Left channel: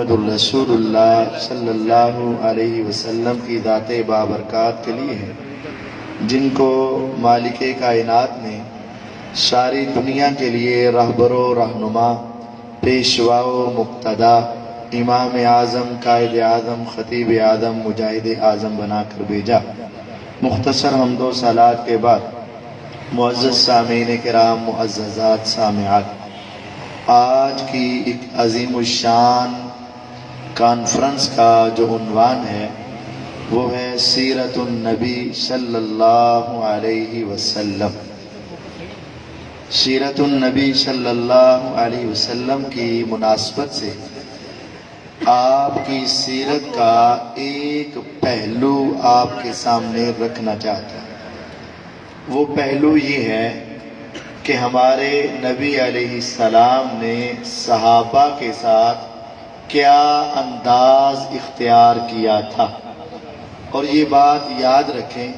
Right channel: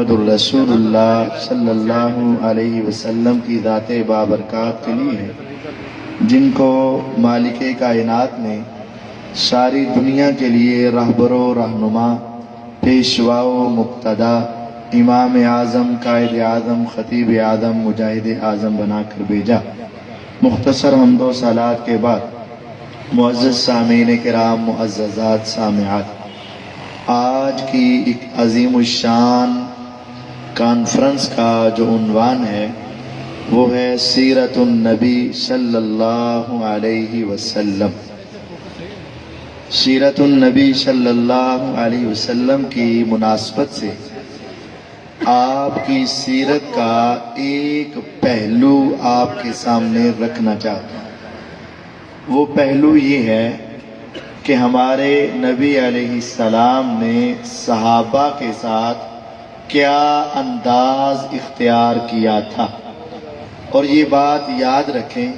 محمد رسول اللہ صلی اللہ علیہ وسلم کی ذات بابرکات کے لیے ہے جن کو مالک کائنات نے ساری دنیا کے لیے رہبر و رہنما، پیشوا و مقتدا، امام اعظم، قائد اعظم، خطیب اعظم، مجاہد اعظم بنا کر بھیجا۔ مختصر حمد و صلوات کے بعد معزز سامعین کرام، معززات سامعات، آج کی ایک عظیم الشان کانفرنس کا جو عنوان ہے وہ ہے سیرت النبی صلی اللہ علیہ وسلم۔ سیرت النبی صلی اللہ علیہ وسلم کی مناسبت سے آپ کی سیرت کا ایک پہلو آپ کے سامنے رکھنا چاہتا ہوں۔ وہ پہلو یہ ہے کہ ہمارے نبی علیہ السلام نے صحابہ کے ساتھ کیا انداز اختیار کیا تھا۔ اور یہ بات یاد رکھیں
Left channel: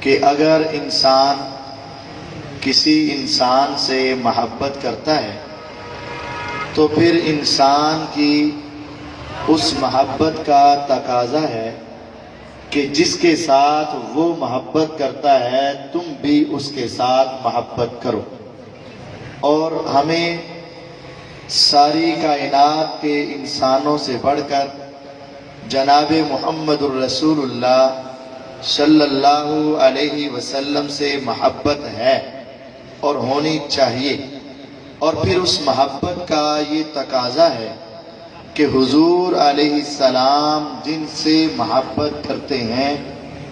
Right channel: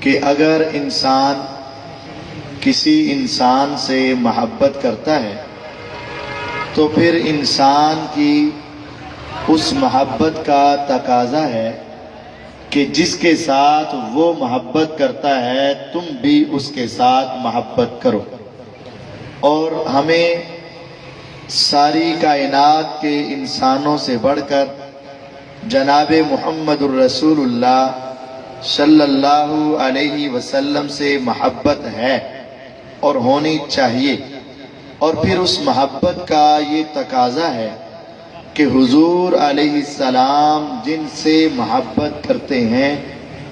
کہ اگر انسان کسی انسان سے محبت کرتا ہے تو پھر انسان کی اس محبت کا تقاضا ہے کہ جس کے ساتھ وہ محبت کرتا ہے تم بھی اس کے ساتھ محبت کرو۔ اور ہمیں ساری کائنات کے انسانوں سے بڑھ کر جناب محمد الرسول اللہ صلی اللہ علیہ وسلم سے محبت ہے اور ہونی چاہیے۔ اور پھر اس محبت کا یہ تقاضا ہے کہ حضور علیہ السلام جن سے محبت کرتے ہیں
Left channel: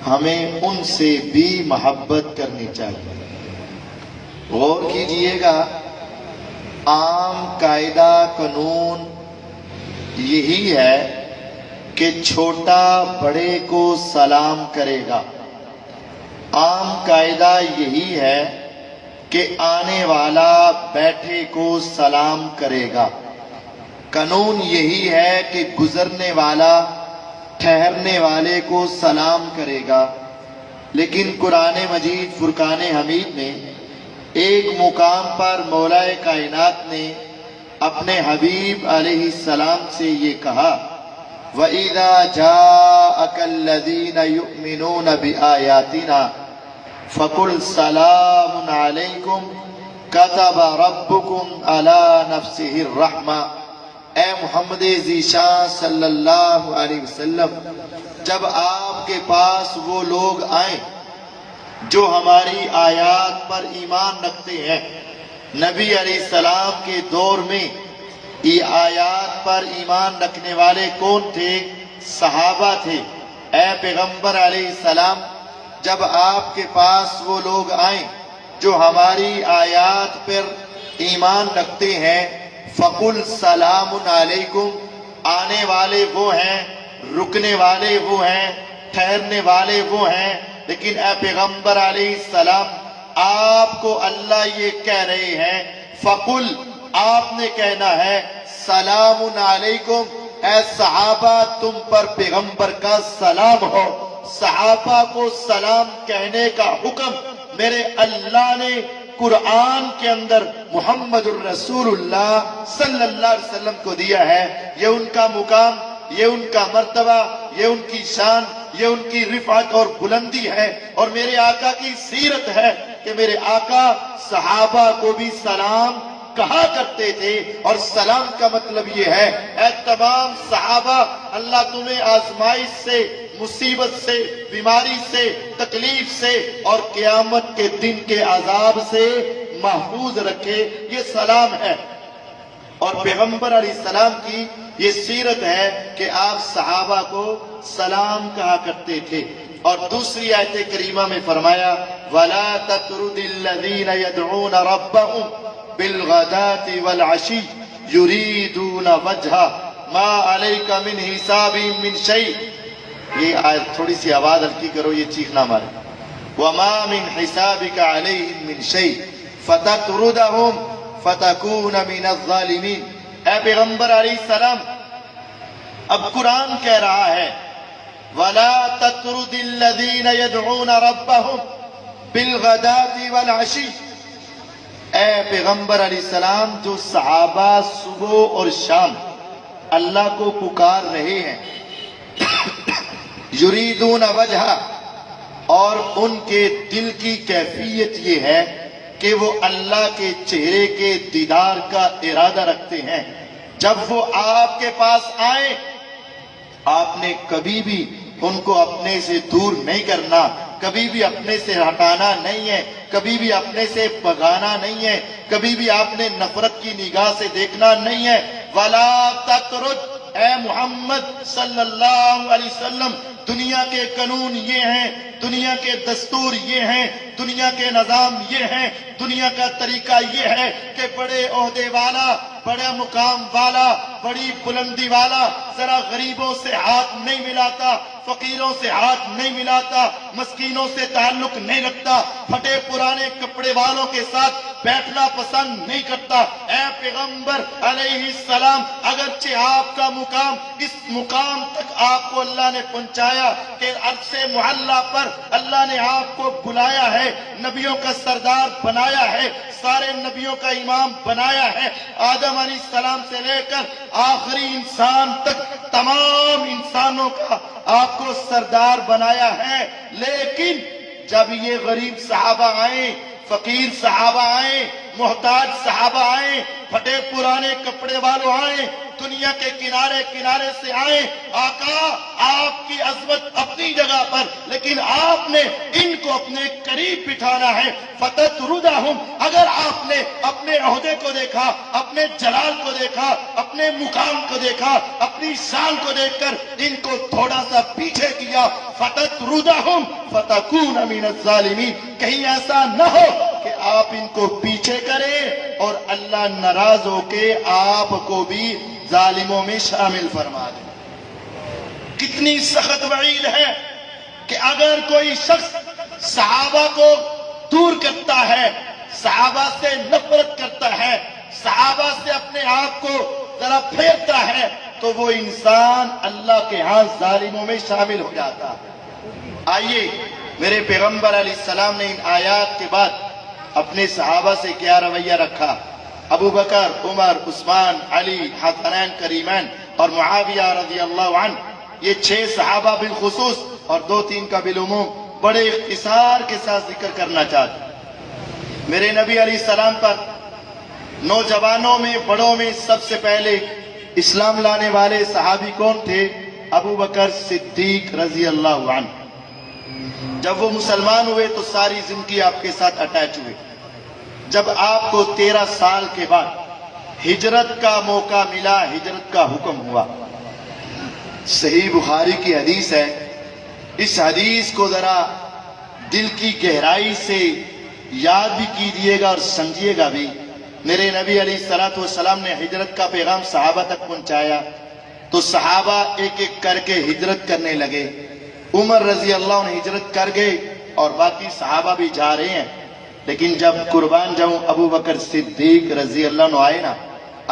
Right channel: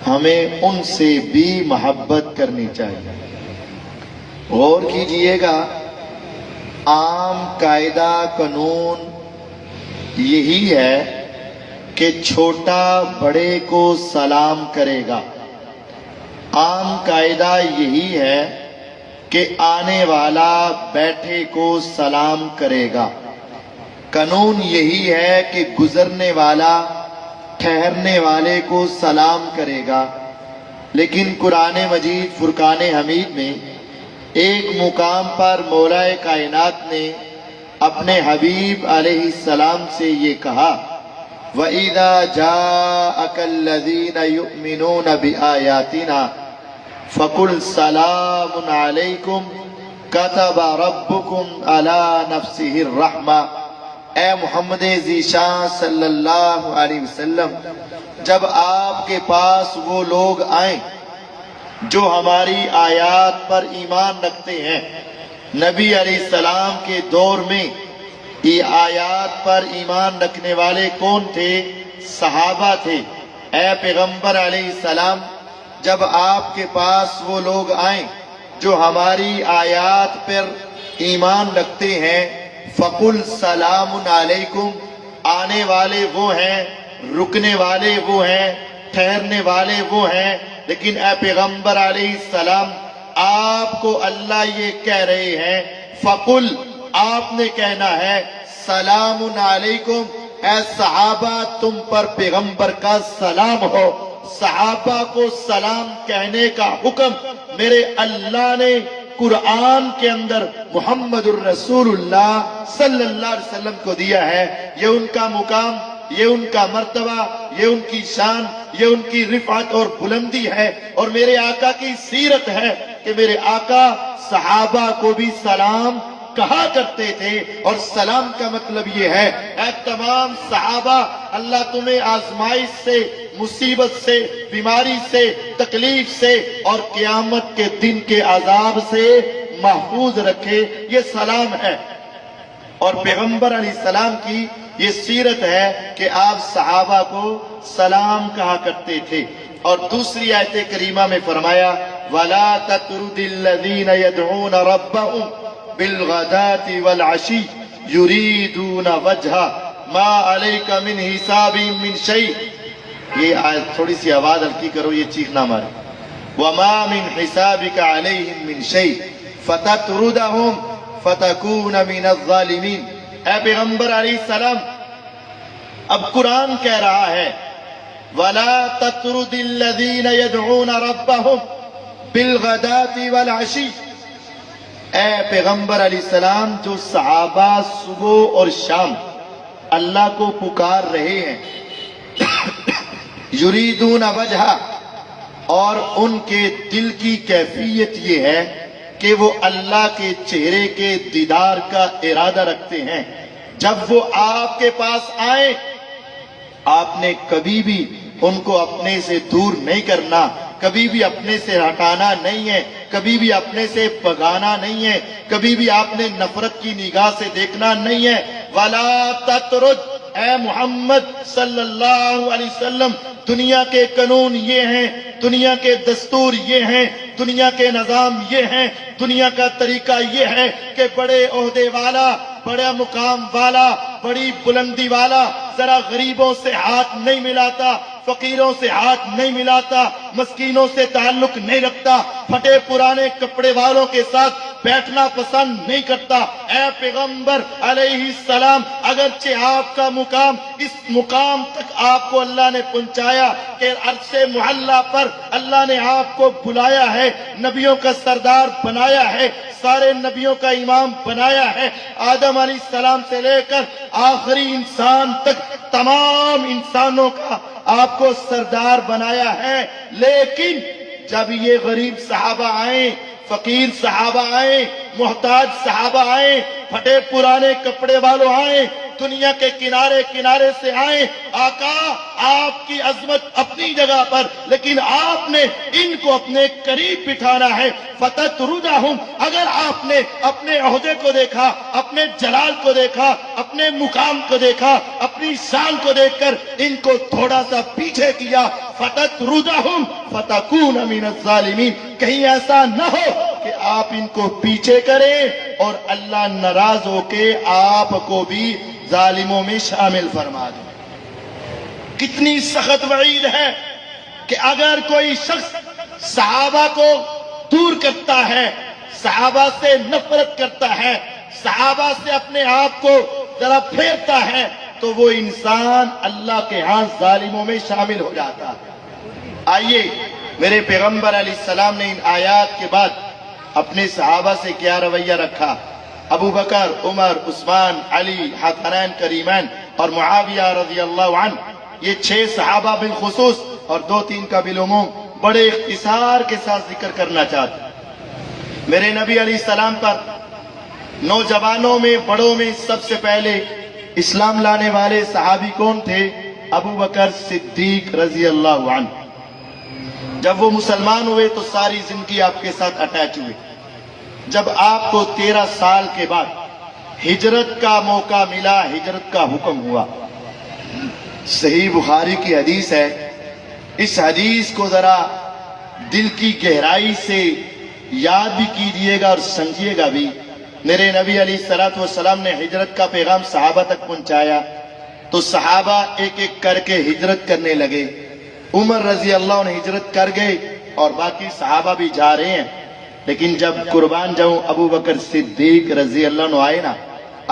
ہمیں ان سے بھی محبت کرنی چاہیے۔ غور کیجئے گا، عام قاعدہ قانون یہی ہے کہ چھوٹا بڑے کو سلام کرے گا۔ عام قاعدہ یہی ہے کہ آنے والا بیٹھے کو سلام کرے گا۔ قانون یہی ہے کہ گزرنے والا ٹھہرنے والے کو سلام کرے گا۔ لیکن قرآن مجید فرقان حمید میں ایک مقام پر مولا کائنات نے اپنے حبیب علیہ السلام سے یہ کہا، وَإِذَا جَاءَكَ الَّذِينَ يُؤْمِنُونَ بِآيَاتِنَا فَقُلْ سَلَامٌ عَلَيْكُمْ كَتَبَ رَبُّكُمْ عَلَى نَفْسِهِ الرَّحْمَةِ۔ اے محمد ذیشان صلی اللہ علیہ وسلم، جب آپ کے پاس وہ لوگ آئیں جو ہماری آیات پر ایمان رکھتے ہیں، نبی علیہ السلام کے دور میں یہ آیات پر ایمان رکھنے والے کون تھے؟ صحابہ تھے۔ اے پیغمبر علیہ السلام، جب آپ کے پاس وہ لوگ آئیں جو ہماری آیات پر ایمان رکھتے ہیں، فَقُلْ سَلَامٌ عَلَيْكُمْ، آنے والے وہ ہیں، رکنے والے وہ ہیں، ٹھہرنے والے وہ ہیں۔ لیکن اے پیغمبر علیہ السلام، آپ کو اللہ یہ کہہ رہے ہیں فَقُلْ، آپ نے کہنا ہے سلام علیکم، اے صحابہ تم پر پیغمبر کا سلام ہو۔ صحابہ کو سلام کہنے کا حکم میرے اللہ نے قرآن کے اندر محمد الرسول اللہ صلی اللہ علیہ وسلم کو دیا ہے۔ یہ ان کا مقام، یہ ان کا مرتبہ، یہ ان کی شان، یہ ان کی رفعت اور بلندی ہے۔ اور میرے آقا کی سیرت ہے کہ میرے آقا صحابہ کو بھی سلام کہا کرتے تھے۔ اور سلام کا مطلب یہ ہے، اے تمام صحابہ، اللہ تمہیں آزمائش سے، مصیبت سے، بیماری سے، تکلیف سے اور قیامت کے دن کے عذاب سے محفوظ رکھے، یہ سلام ہے۔ اور پیغمبر علیہ السلام کی یہ سیرت ہے کہ آپ صحابہ کو سلام کہا کرتے تھے۔ اور دوسری آیت کریمہ میں فرمایا، وَلَا تَطْرُدِ الَّذِينَ يَدْعُونَ رَبَّهُمْ بِالْغَدَاةِ وَالْعَشِيِّ يُرِيدُونَ وَجْهَهُ مَا عَلَيْكَ مِنْ حِسَابٍ مِنْ شَيْءٍ۔ یہ آیت تھوڑی سی آواز ہلکی کرو، یہ چیخ نہ مارے۔ وَمَا مِنْ حِسَابِكَ عَلَيْهِمْ مِنْ شَيْءٍ فَتَطْرُدَهُمْ فَتَكُونَ مِنَ الظَّالِمِينَ۔ اے پیغمبر علیہ السلام، اب قرآن کہہ رہا ہے وَلَا تَطْرُدِ الَّذِينَ يَدْعُونَ رَبَّهُمْ بِالْغَدَاةِ وَالْعَشِيِّ۔ اے پیغمبر علیہ السلام، جو صحابہ صبح اور شام اللہ کو پکار رہے ہیں، یریدون وجہ، اور ان کے دل کی کیفیت یہ ہے کہ وہ اللہ کے چہرے کے دیدار کا ارادہ رکھتے ہیں۔ جب وہ آپ کے پاس آئیں، آپ نے کبھی بھی ان کو اپنے سے دور نہیں کرنا، کبھی بھی اپنے سے ہٹانا نہیں ہے، کبھی بھی اپنے سے بھگانا نہیں ہے، کبھی بھی آپ نے نفرت کی نگاہ سے دیکھنا نہیں ہے۔ وَلَا تَطْرُدْ، اے محمد صلی اللہ علیہ وسلم، دنیا کے قانون یہ ہیں، دنیا کے دستور یہ ہیں، دنیا کے نظام یہ ہیں، دنیا کا طریقہ یہ ہے کہ بڑے عہدے والا، بڑا مقام والا، بڑی بلندی والا ذرا غریبوں سے ہاتھ نہیں ملاتا، فقیروں سے ہاتھ نہیں ملاتا، مسکینوں سے تعلق نہیں رکھتا، پھٹے پرانے کپڑے والوں کے ساتھ بیٹھنا پسند نہیں کرتا۔ اے پیغمبر علیہ السلام، اگرچہ آپ کا مقام اس مقام تک آپ کو اللہ نے پہنچایا کہ عرش معلی پر اللہ نے آپ کو بلایا ہے، نبیوں کا سردار بنایا ہے، سارے نبیوں کا امام بنایا ہے، آدم علیہ السلام سے لے کر آخری انسان تک تمام انسانوں کا آپ کو سردار بنایا ہے۔ لیکن جب یہ غریب صحابہ آئیں، فقیر صحابہ آئیں، محتاج صحابہ آئیں، پھٹے پرانے کپڑے والوں آئیں، دنیا کے کنارے کنارے سے آئیں، آقا آپ کی عظمت اپنی جگہ پر، لیکن آپ نے ان کو اپنے قریب بٹھانا ہے۔ فَتَطْرُدَهُمْ، اگر آپ نے اپنے عہدے کو دیکھا، اپنے جلال کو دیکھا، اپنے مقام کو دیکھا، اپنی شان کو دیکھ کر ان کو تھوڑا سا پیچھے کیا، فَتَطْرُدَهُمْ فَتَكُونَ مِنَ الظَّالِمِينَ، کہیں ایسا نہ ہو کہ آپ ان کو پیچھے کریں اور اللہ ناراض ہو کے آپ کو بھی ظالموں میں شامل فرما دے۔ کتنی سخت وعید ہے کہ اگر کوئی شخص صحابہ کو دور کرتا ہے، صحابہ سے نفرت کرتا ہے، صحابہ سے اپنے آپ کو ذرا پھیرتا ہے، تو وہ انسان اللہ کے ہاں ظالموں میں شامل ہو جاتا ہے۔ آئیے، میرے پیغمبر علیہ السلام نے ان آیات کے بعد اپنے صحابہ سے کیا رویہ رکھا۔ ابو بکر، عمر، عثمان، علی، حسنین کریمین اور معاویہ رضی اللہ عنہ، یہ 6 صحابہ بالخصوص اور 2-3 کا بالعموم بڑے اختصار کے ساتھ ذکر کرنا چاہتا ہوں۔ میرے نبی علیہ السلام پر نوجوانوں میں، بڑوں میں سب سے پہلے اسلام لانے والے صحابی کون تھے؟ ابو بکر صدیق رضی اللہ عنہ۔ جب وہ مسلمان ہوئے تو ساری زندگی آپ کے ساتھ اٹیچ ہوئے۔ جب آپ کو 13 سال کے بعد ہجرت کا موقع ملا، ہجرت کا حکم ہوا، صحیح بخاری کی حدیث ہے، اس حدیث کو ذرا دل کی گہرائی سے یاد بھی کیجیے گا اور سمجھیے گا بھی۔ میرے نبی علیہ الصلوۃ والسلام نے ہجرت کا پیغام صحابہ تک پہنچایا تو صحابہ ایک ایک کر کے ہجرت کرنے لگے۔ عمر رضی اللہ عنہ ہجرت کر گئے اور باقی صحابہ بھی جا رہے ہیں، لیکن جب قربان جاؤں ابو بکر صدیق رضی اللہ عنہ آئے نا،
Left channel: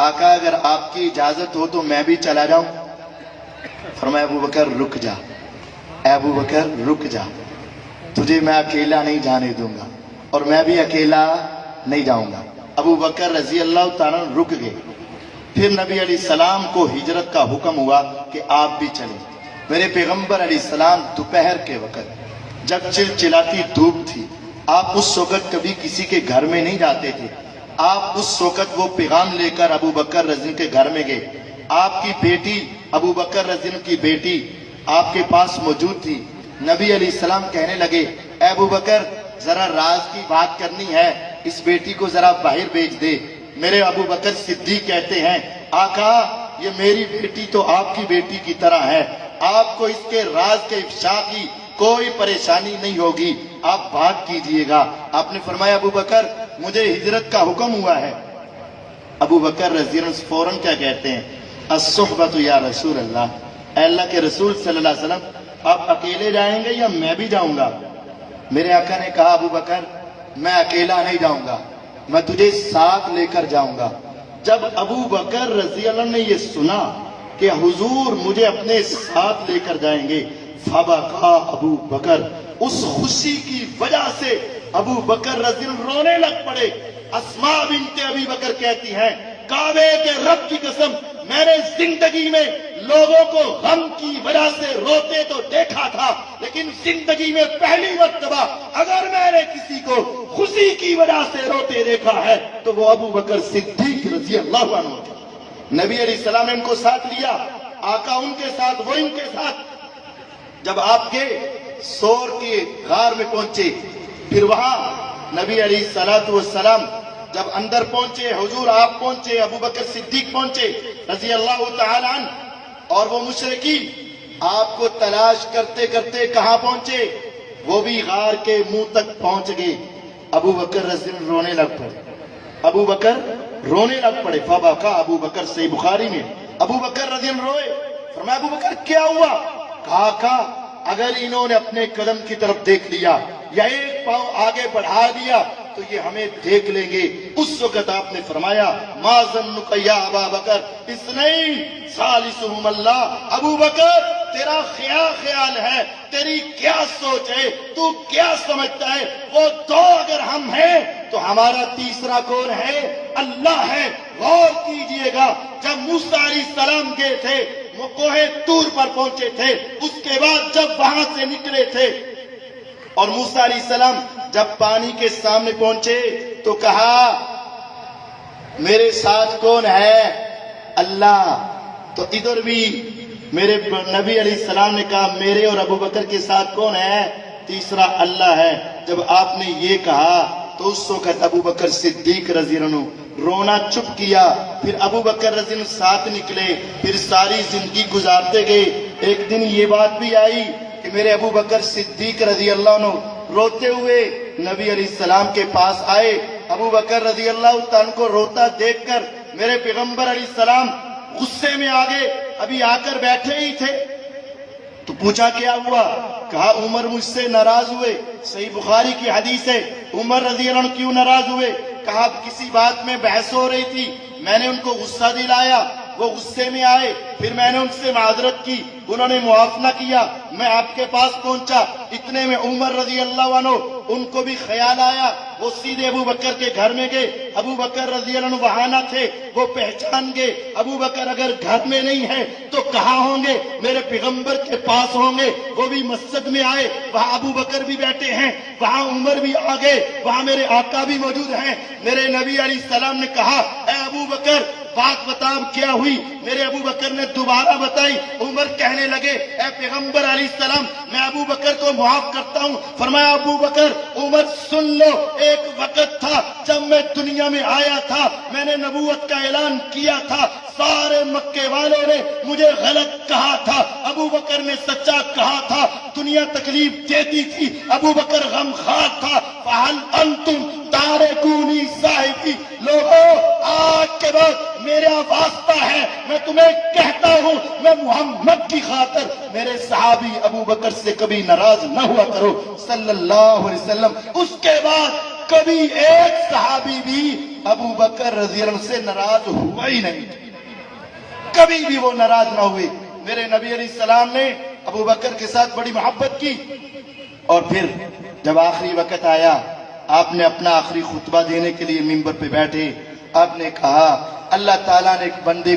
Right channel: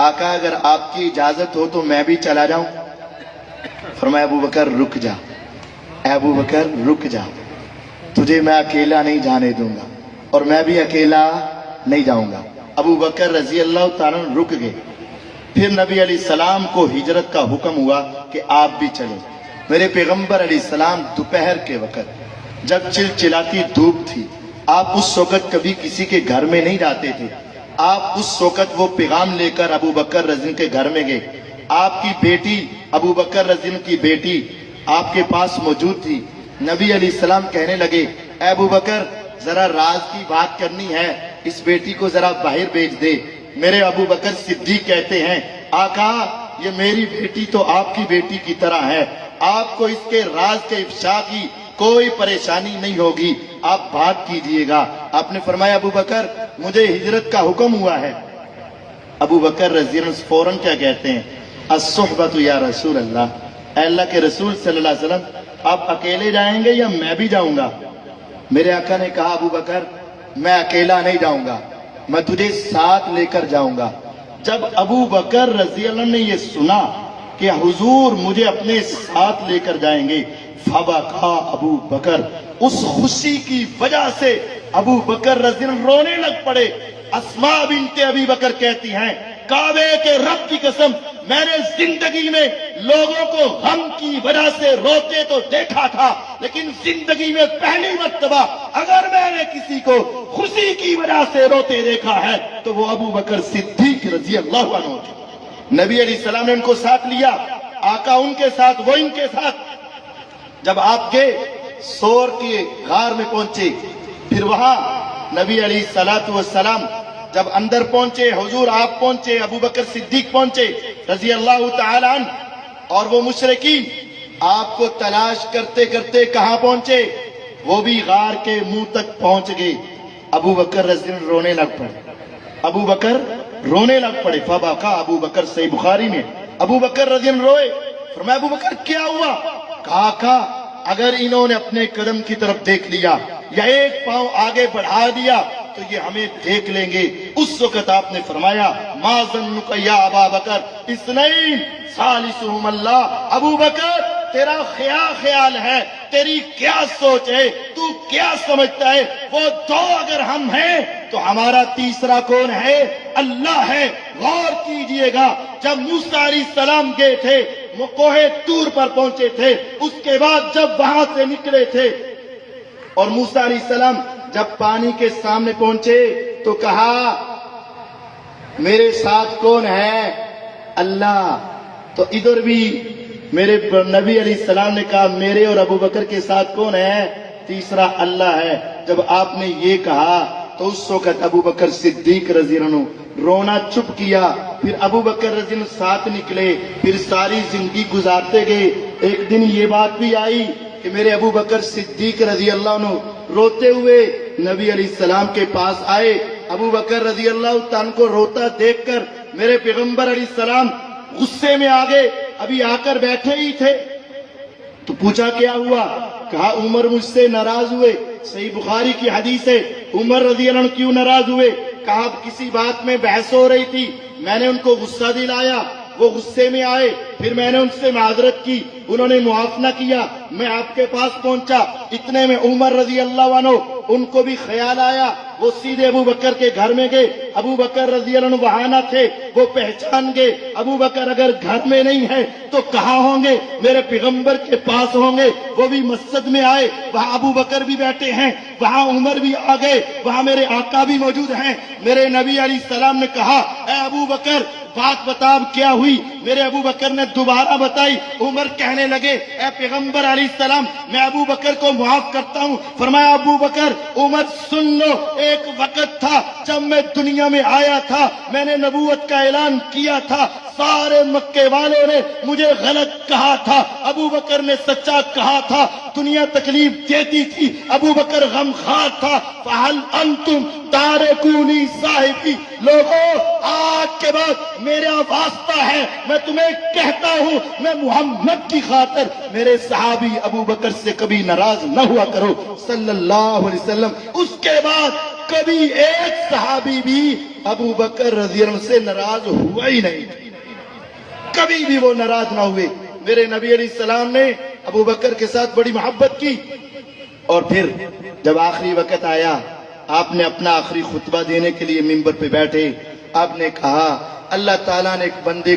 آقا اگر آپ کی اجازت ہو تو میں بھی چلا جاؤں؟ فرمایا ابو بکر رک جا، اے ابو بکر رک جا، تجھے میں اکیلا نہیں جانے دوں گا اور میں بھی اکیلا نہیں جاؤں گا۔ ابو بکر رضی اللہ تعالیٰ رک گئے۔ پھر نبی علیہ السلام کو ہجرت کا حکم ہوا کہ آپ بھی چلیں۔ میرے پیغمبر علیہ السلام دوپہر کے وقت جب چلچلاتی دھوپ تھی، آپ اس وقت کبھی کسی کے گھر میں نہیں جاتے تھے، آپ اس وقت وہ پیغام لے کر ابو بکر رضی کے گھر میں گئے۔ آپ کی بیٹی ابو بکر رضی کی بیٹی آپ کے پاس موجود تھی۔ نبی علیہ السلام کہنے لگے، اے ابو بکر ذرا راز کی بات کرنی ہے، اس بیٹی کو ذرا باہر بھیج دے۔ میرے ابو بکر صدیق کہتے ہیں، آقا یہ میری بیٹی تو آپ کی بیٹی کی طرح ہے، آپ کو اس کے راز کے افشا کی کوئی پریشانی نہیں ہوگی، آپ بات کیجئے گا۔ آپ نے فرمایا ابو بکر مجھے ہجرت کا حکم ہوا ہے۔ ابو بکر رضی اللہ عنہ فوراً کیا کہتے ہیں، الصحبۃ یا رسول اللہ، اے اللہ کے رسول صلی اللہ علیہ وسلم آپ اکیلے جائیں گے یا میں بھی جاؤں گا؟ میرے آقا نے کہا ابو بکر میں اکیلا نہیں جاؤں گا، میں تجھے ساتھ لے کر جاؤں گا۔ جب ابو بکر رضی اللہ عنہ نے یہ سنا کہ حضور مجھے اپنے ساتھ لے کر جائیں گے، فبکا ابو بکر، اس خوشی کی وجہ سے ابو بکر رضی اللہ عنہ رونے لگ پڑے۔ اسماء بنت ابی بکر کہتی ہیں، کعبے کے رب کی قسم میں نے زندگی میں لوگوں کو غم کی وجہ سے روتے تو دیکھا تھا، لیکن زندگی میں پہلی مرتبہ اگر میں نے کسی کو خوشی کی وجہ سے روتے دیکھا ہے تو وہ ابو بکر صدیق رضی اللہ عنہ۔ نبی علیہ السلام نے ان کو ساتھ لیا، آقا ان کے ساتھ، وہ ان کے ساتھ۔ جب آپ کے سور کے غار میں پہنچے، پھر وہاں نبی علیہ السلام جب اندر پہنچے، حضور آپ پہنچے، ابو بکر صدیق پہنچے رضی اللہ تعالی عنہ، اور وہ مشرکین آپ کو تلاش کرتے کرتے کہاں پہنچے؟ وہ بھی غار کے منہ تک پہنچ گئے۔ ابو بکر رضی اللہ رونے لگ پڑے، ابو بکر رونے لگ پڑے۔ فبکا ابو بکر، صحیح بخاری میں ابو بکر رضی اللہ روئے۔ فرمایا ابو بکر کیا ہوا؟ کہا اگر انہوں نے اپنے قدم کی طرف دیکھ لیا یا ایک پاؤں آگے بڑھا دیا تو یہ ہمیں دیکھ لیں گے۔ اس وقت آپ نے فرمایا ما ظنک یا ابا بکر اثنین ثالثہم اللہ۔ ابو بکر تیرا خیال ہے، تیری کیا سوچ ہے، تو کیا سمجھتا ہے؟ وہ دو اگر ہم ہیں تو ہمارا تیسرا کون ہے؟ اللہ ہے۔ غور کیجئے گا، جب موسیٰ علیہ السلام گئے تھے، وہ کوہ طور پر پہنچے تھے، اس کے بعد جب وہاں سے نکلے تھے اور موسیٰ علیہ السلام جب پانی کے سامنے پہنچے تو کہا میرے ساتھ کون ہے؟ اللہ۔ تو ادھر بھی میرے نبی علیہ السلام نے کہا میرے اور ابو بکر کے ساتھ کون ہے؟ تیسرا اللہ ہے۔ جب آپ نے یہ کہا تو اس وقت ابو بکر صدیق رضی اللہ عنہ رونا چپ کیا۔ پھر ابو بکر رضی اللہ عنہ ساتھ نکلے، پھر ساری زندگی گزارتے گئے۔ ایک دن یہ بات بھی آئی کہ میرے ابو بکر صدیق رضی اللہ عنہ روتے ہوئے نبی علیہ السلام کے پاس آئے۔ ابو بکر رضی اللہ عنہ کو روتا دیکھ کر میرے پیغمبر علیہ السلام غصے میں آ گئے، ابھی آ کر بیٹھے ہی تھے تو پوچھا کیا ہوا؟ کہا عمر مجھ سے ناراض ہوئے۔ صحیح بخاری کی حدیث ہے، عمر رضی اللہ عنہ کیوں ناراض ہوئے؟ کہا کسی بات میں بحث ہو رہی تھی، میں نے ان کو غصہ دلایا، وہ غصے میں آئے، پھر میں نے ان سے معذرت کی، انہوں نے معاف نہ کیا، میں آپ کے پاس پہنچا۔ اتنے میں عمر رضی اللہ عنہ ان کو بھی خیال آیا، وہ سیدھے ابو بکر کے گھر میں گئے۔ ابو بکر رضی اللہ عنہ وہاں نہ تھے، وہ پہچان گئے ابو بکر اگر گھر میں نہیں ہے تو کہاں ہوں گے؟ میرے پیغمبر کے پاس ہوں گے۔ وہ بھی مسجد میں آئے، وہاں ابو بکر بھی بیٹھے ہیں، وہاں عمر بھی آ گئے، وہاں میرے آقا بھی موجود ہیں۔ میرے نبی علیہ السلام نے کہا اے ابو بکر بات بتا کیا ہوئی؟ میرے ابو بکر نے دوبارہ بتائی۔ عمر کہنے لگے اے پیغمبر علیہ السلام میں ابو بکر کو معاف کرتا ہوں۔ فرمایا ابو بکر عمر سن لو، ایک وقت تھا جب میں دنیا میں آیا تھا، میں نے نبوت کا اعلان کیا تھا، سارے مکے والوں نے مجھے غلط کہا تھا، ابو بکر نے سچا کہا تھا، دنیا تکلیف دیتی تھی، ابو بکر غمخوار تھا۔ فہل انتم تارکونی صاحبی، لوگوں آج کے بعد میرا واسطہ ہے، میں تمہیں کہتا ہوں میں محمد کی خاطر میرے صحابی ابو بکر سے کبھی ناراض نہ ہوا کرو صلی اللہ علیہ وسلم۔ اس کے بعد کبھی ایک صحابی بھی ابو بکر رضی اللہ عنہ سے ناراض ہوا ہی نہیں، کبھی بھی وہ ناراض نہ ہوئے۔ میرے نبی علیہ السلام نے ابو بکر کے ساتھ بڑی محبت کی، اور پھر جب آخری وقت آیا آپ نے اپنا آخری خطبہ دینے کے لیے ممبر پہ بیٹھے، آپ نے کہا اللہ تعالیٰ نے ایک بندے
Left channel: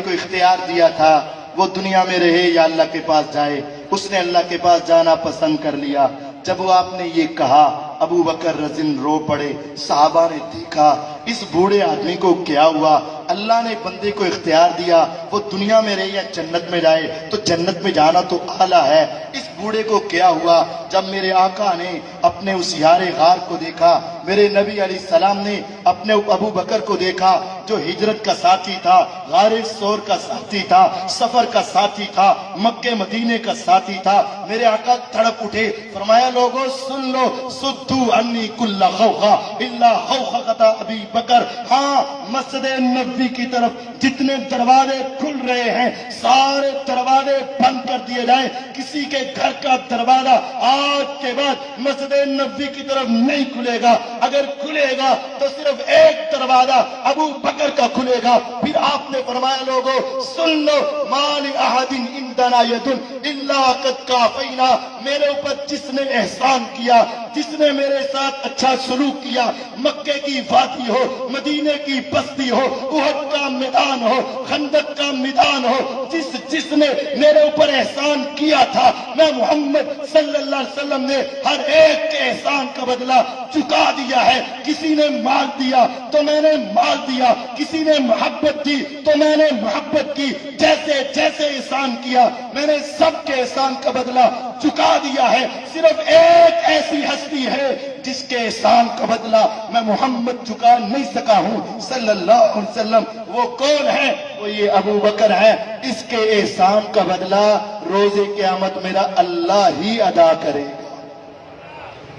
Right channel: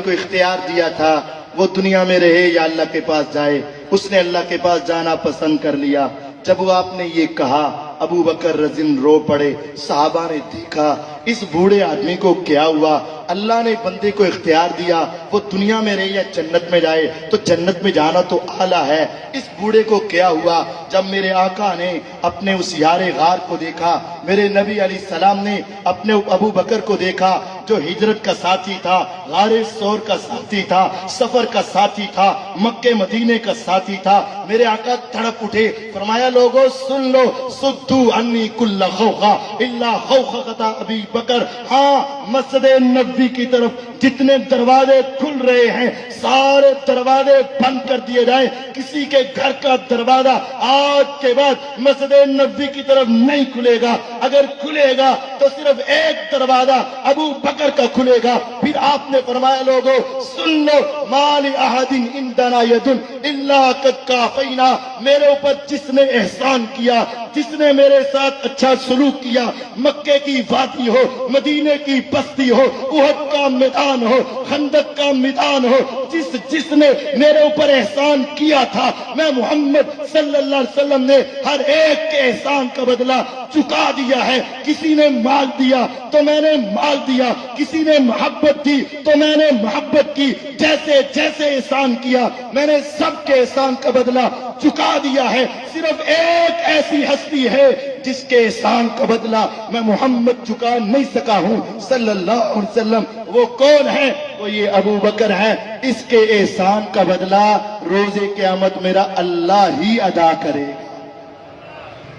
کو اختیار دیا تھا، وہ دنیا میں رہے یا اللہ کے پاس جائے، اس نے اللہ کے پاس جانا پسند کر لیا۔ جب وہ آپ نے یہ کہا ابو بکر رضی اللہ عنہ رو پڑے۔ صحابہ نے دیکھا اس بوڑھے آدمی کو کیا ہوا، اللہ نے بندے کو اختیار دیا، وہ دنیا میں رہے یا جنت میں جائے، تو جنت میں جانا تو اعلیٰ ہے، اس بوڑھے کو کیا ہوا؟ جب میرے آقا نے اپنے اس یار غار کو دیکھا، میرے نبی علیہ السلام نے اپنے ابو بکر کو دیکھا جو ہجرت کا ساتھی تھا، غار ثور کا ساتھی تھا، سفر کا ساتھی تھا، مکے مدینے کا ساتھی تھا، میرے آقا تڑپ اٹھے، فرمایا لوگوں سن لو، سدو انی کل خوخا الا خوخۃ ابی بکر۔ ہاں مسجد نبوی کی طرف جتنے دروازے کھل رہے ہیں سارے دروازے بند کر دیے جائیں، کسی کے گھر کا دروازہ آج کے بعد مسجد نبوی کی طرف نہیں کھلے گا۔ اگر کھلے گا تو صرف ایک دروازہ ابو بکر کا کھلے گا. پھر آپ نے فرمایا لوگوں سن لو مال احد عندنا ید الا قد کافینا. میرے اوپر جس نے احسان کیا, جس نے میرے ساتھ اچھا سلوک کیا, مکے کی وادی ہو, مدینے کی بستی ہو, احد کا میدان ہو, خندق کا میدان ہو, جس نے میرے اوپر احسان کیا تھا, میں محمد صلی اللہ علیہ وسلم نے ہر ایک کے احسان کا بدلہ چکا دیا ہے. کسی نے مال دیا تو میں نے مال دیا, کسی نے محبت دی تو میں نے محبت کی. جیسے جیسے احسان کیا میں نے سب کے احسان کا بدلہ چکا دیا ہے. صرف ایک ایسی ہستی ہے جس کے احسان کا بدلہ میں محمد چکا نہیں سکا ہوں صلی اللہ علیہ وسلم. وہ کون ہے؟ وہ یہ ابو بکر ہے. اس کے احسان کا بدلہ روز قیامت میرا اللہ ہی ادا کرے.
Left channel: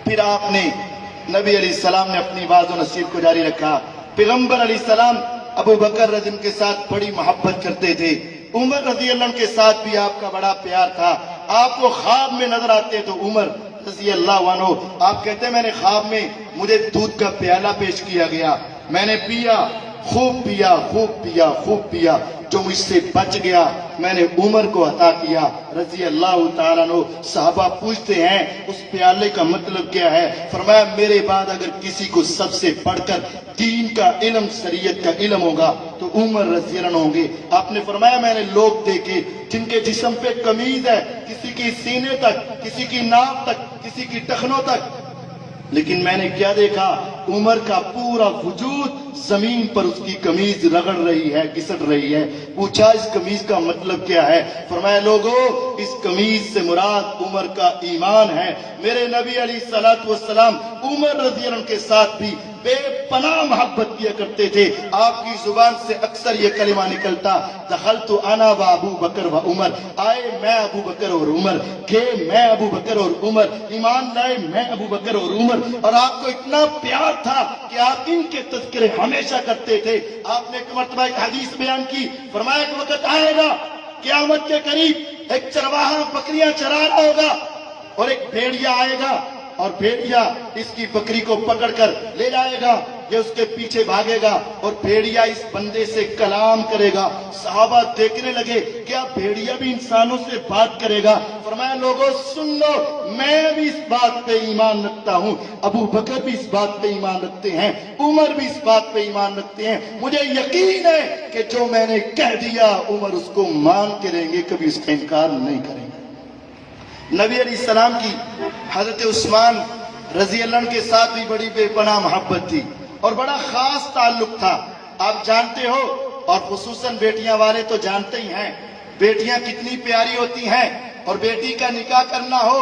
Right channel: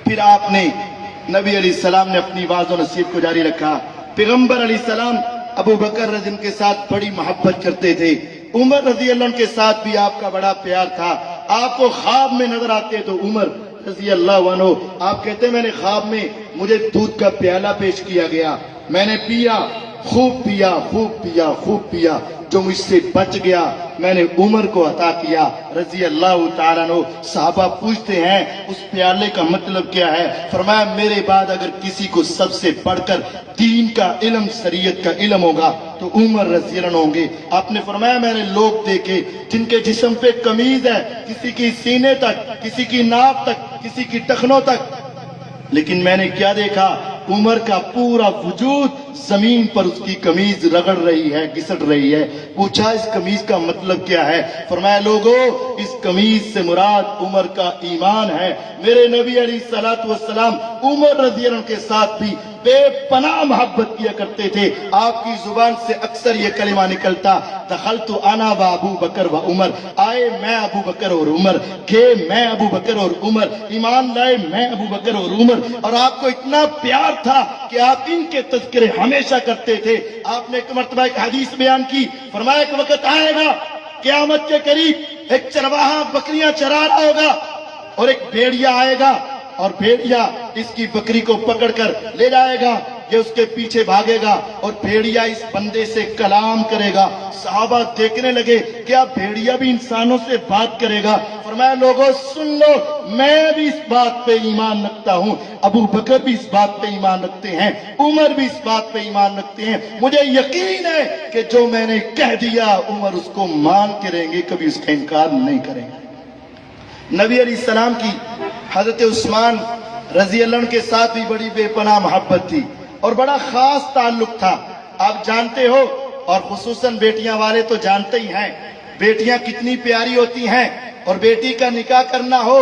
پھر آپ نے نبی علیہ السلام نے اپنی واعظ و نصیحت کو جاری رکھا. پیغمبر علیہ السلام ابو بکر رضی اللہ عنہ کے ساتھ بڑی محبت کرتے تھے. عمر رضی اللہ عنہ کے ساتھ بھی آپ کا بڑا پیار تھا. آپ کو خواب میں نظر آتے تو عمر رضی اللہ عنہ, آپ کہتے ہیں میں نے خواب میں مجھے دودھ کا پیالہ پیش کیا گیا, میں نے پیا, خوب پیا, خوب پیا, خوب پیا, جو اس سے بچ گیا میں نے عمر کو عطا کیا رضی اللہ تعالیٰ عنہ. صحابہ پوچھتے ہیں اس پیالے کا مطلب کیا ہے؟ فرمایا میرے بعد اگر کسی کو سب سے بڑھ کر دین کا علم, شریعت کا علم ہوگا تو عمر رضی اللہ عنہ ہوں گے. آپ نے فرمایا میں نے لوگ دیکھے جن کے جسم پہ قمیض ہے, کسی کی سینے تک, کسی کی ناک تک, کسی کی ٹخنوں تک, لیکن میں نے کیا دیکھا؟ عمر کا پورا وجود زمین پر اس کی قمیض رگڑ رہی ہے, گھسٹ رہی ہے. پوچھا اس قمیض کا مطلب کیا ہے؟ فرمایا لوگوں اس قمیض سے مراد عمر کا ایمان ہے. میرے نبی علیہ الصلوۃ والسلام عمر رضی اللہ عنہ کے ساتھ بھی بے پناہ محبت کیا کرتے تھے. آپ کی زبان سے اکثر یہ کلمہ نکلتا دخلت انا و ابو بکر و عمر, آئے میں ابو بکر اور عمر, گئے میں ابو بکر اور عمر, ایمان لائے میں ابو بکر اور عمر. اور آپ کو اتنا پیار تھا کہ آپ ان کے تذکرے ہمیشہ کرتے تھے. آپ نے ایک مرتبہ ایک حدیث بیان کی, فرمایا ایک وقت آئے گا قیامت کے قریب ایک چرواہا بکریاں چرا رہا ہوگا اور ایک بھیڑیا آئے گا اور بھیڑیا اس کی بکری کو پکڑ کر لے جائے گا, یہ اس کے پیچھے بھاگے گا اور بھیڑیا اس بندے سے کلام کرے گا. صحابہ دیکھنے لگے کیا بھیڑیا بھی انسانوں سے بات کرے گا؟ فرمایا لوگوں سن لو میں بھی اس بات پہ ایمان رکھتا ہوں, ابو بکر بھی اس بات پہ ایمان رکھتے ہیں, عمر بھی اس بات پہ ایمان رکھتے ہیں. مجھے یقین ہے کہ جو میں نے کہہ دیا عمر اس کو مان کے رہیں گے, کبھی اس کا انکار نہیں کریں گے. نبی علیہ السلام کی حضرت عثمان رضی اللہ عنہ کے ساتھ بھی بڑی بے پناہ محبت تھی اور بڑا خاص تعلق تھا. آپ جانتے ہو, اور خصوصاً بیٹیاں والے تو جانتے ہی ہیں, بیٹیاں کتنی پیاری ہوتی ہیں. اور بیٹی کا نکاح کرنا ہو,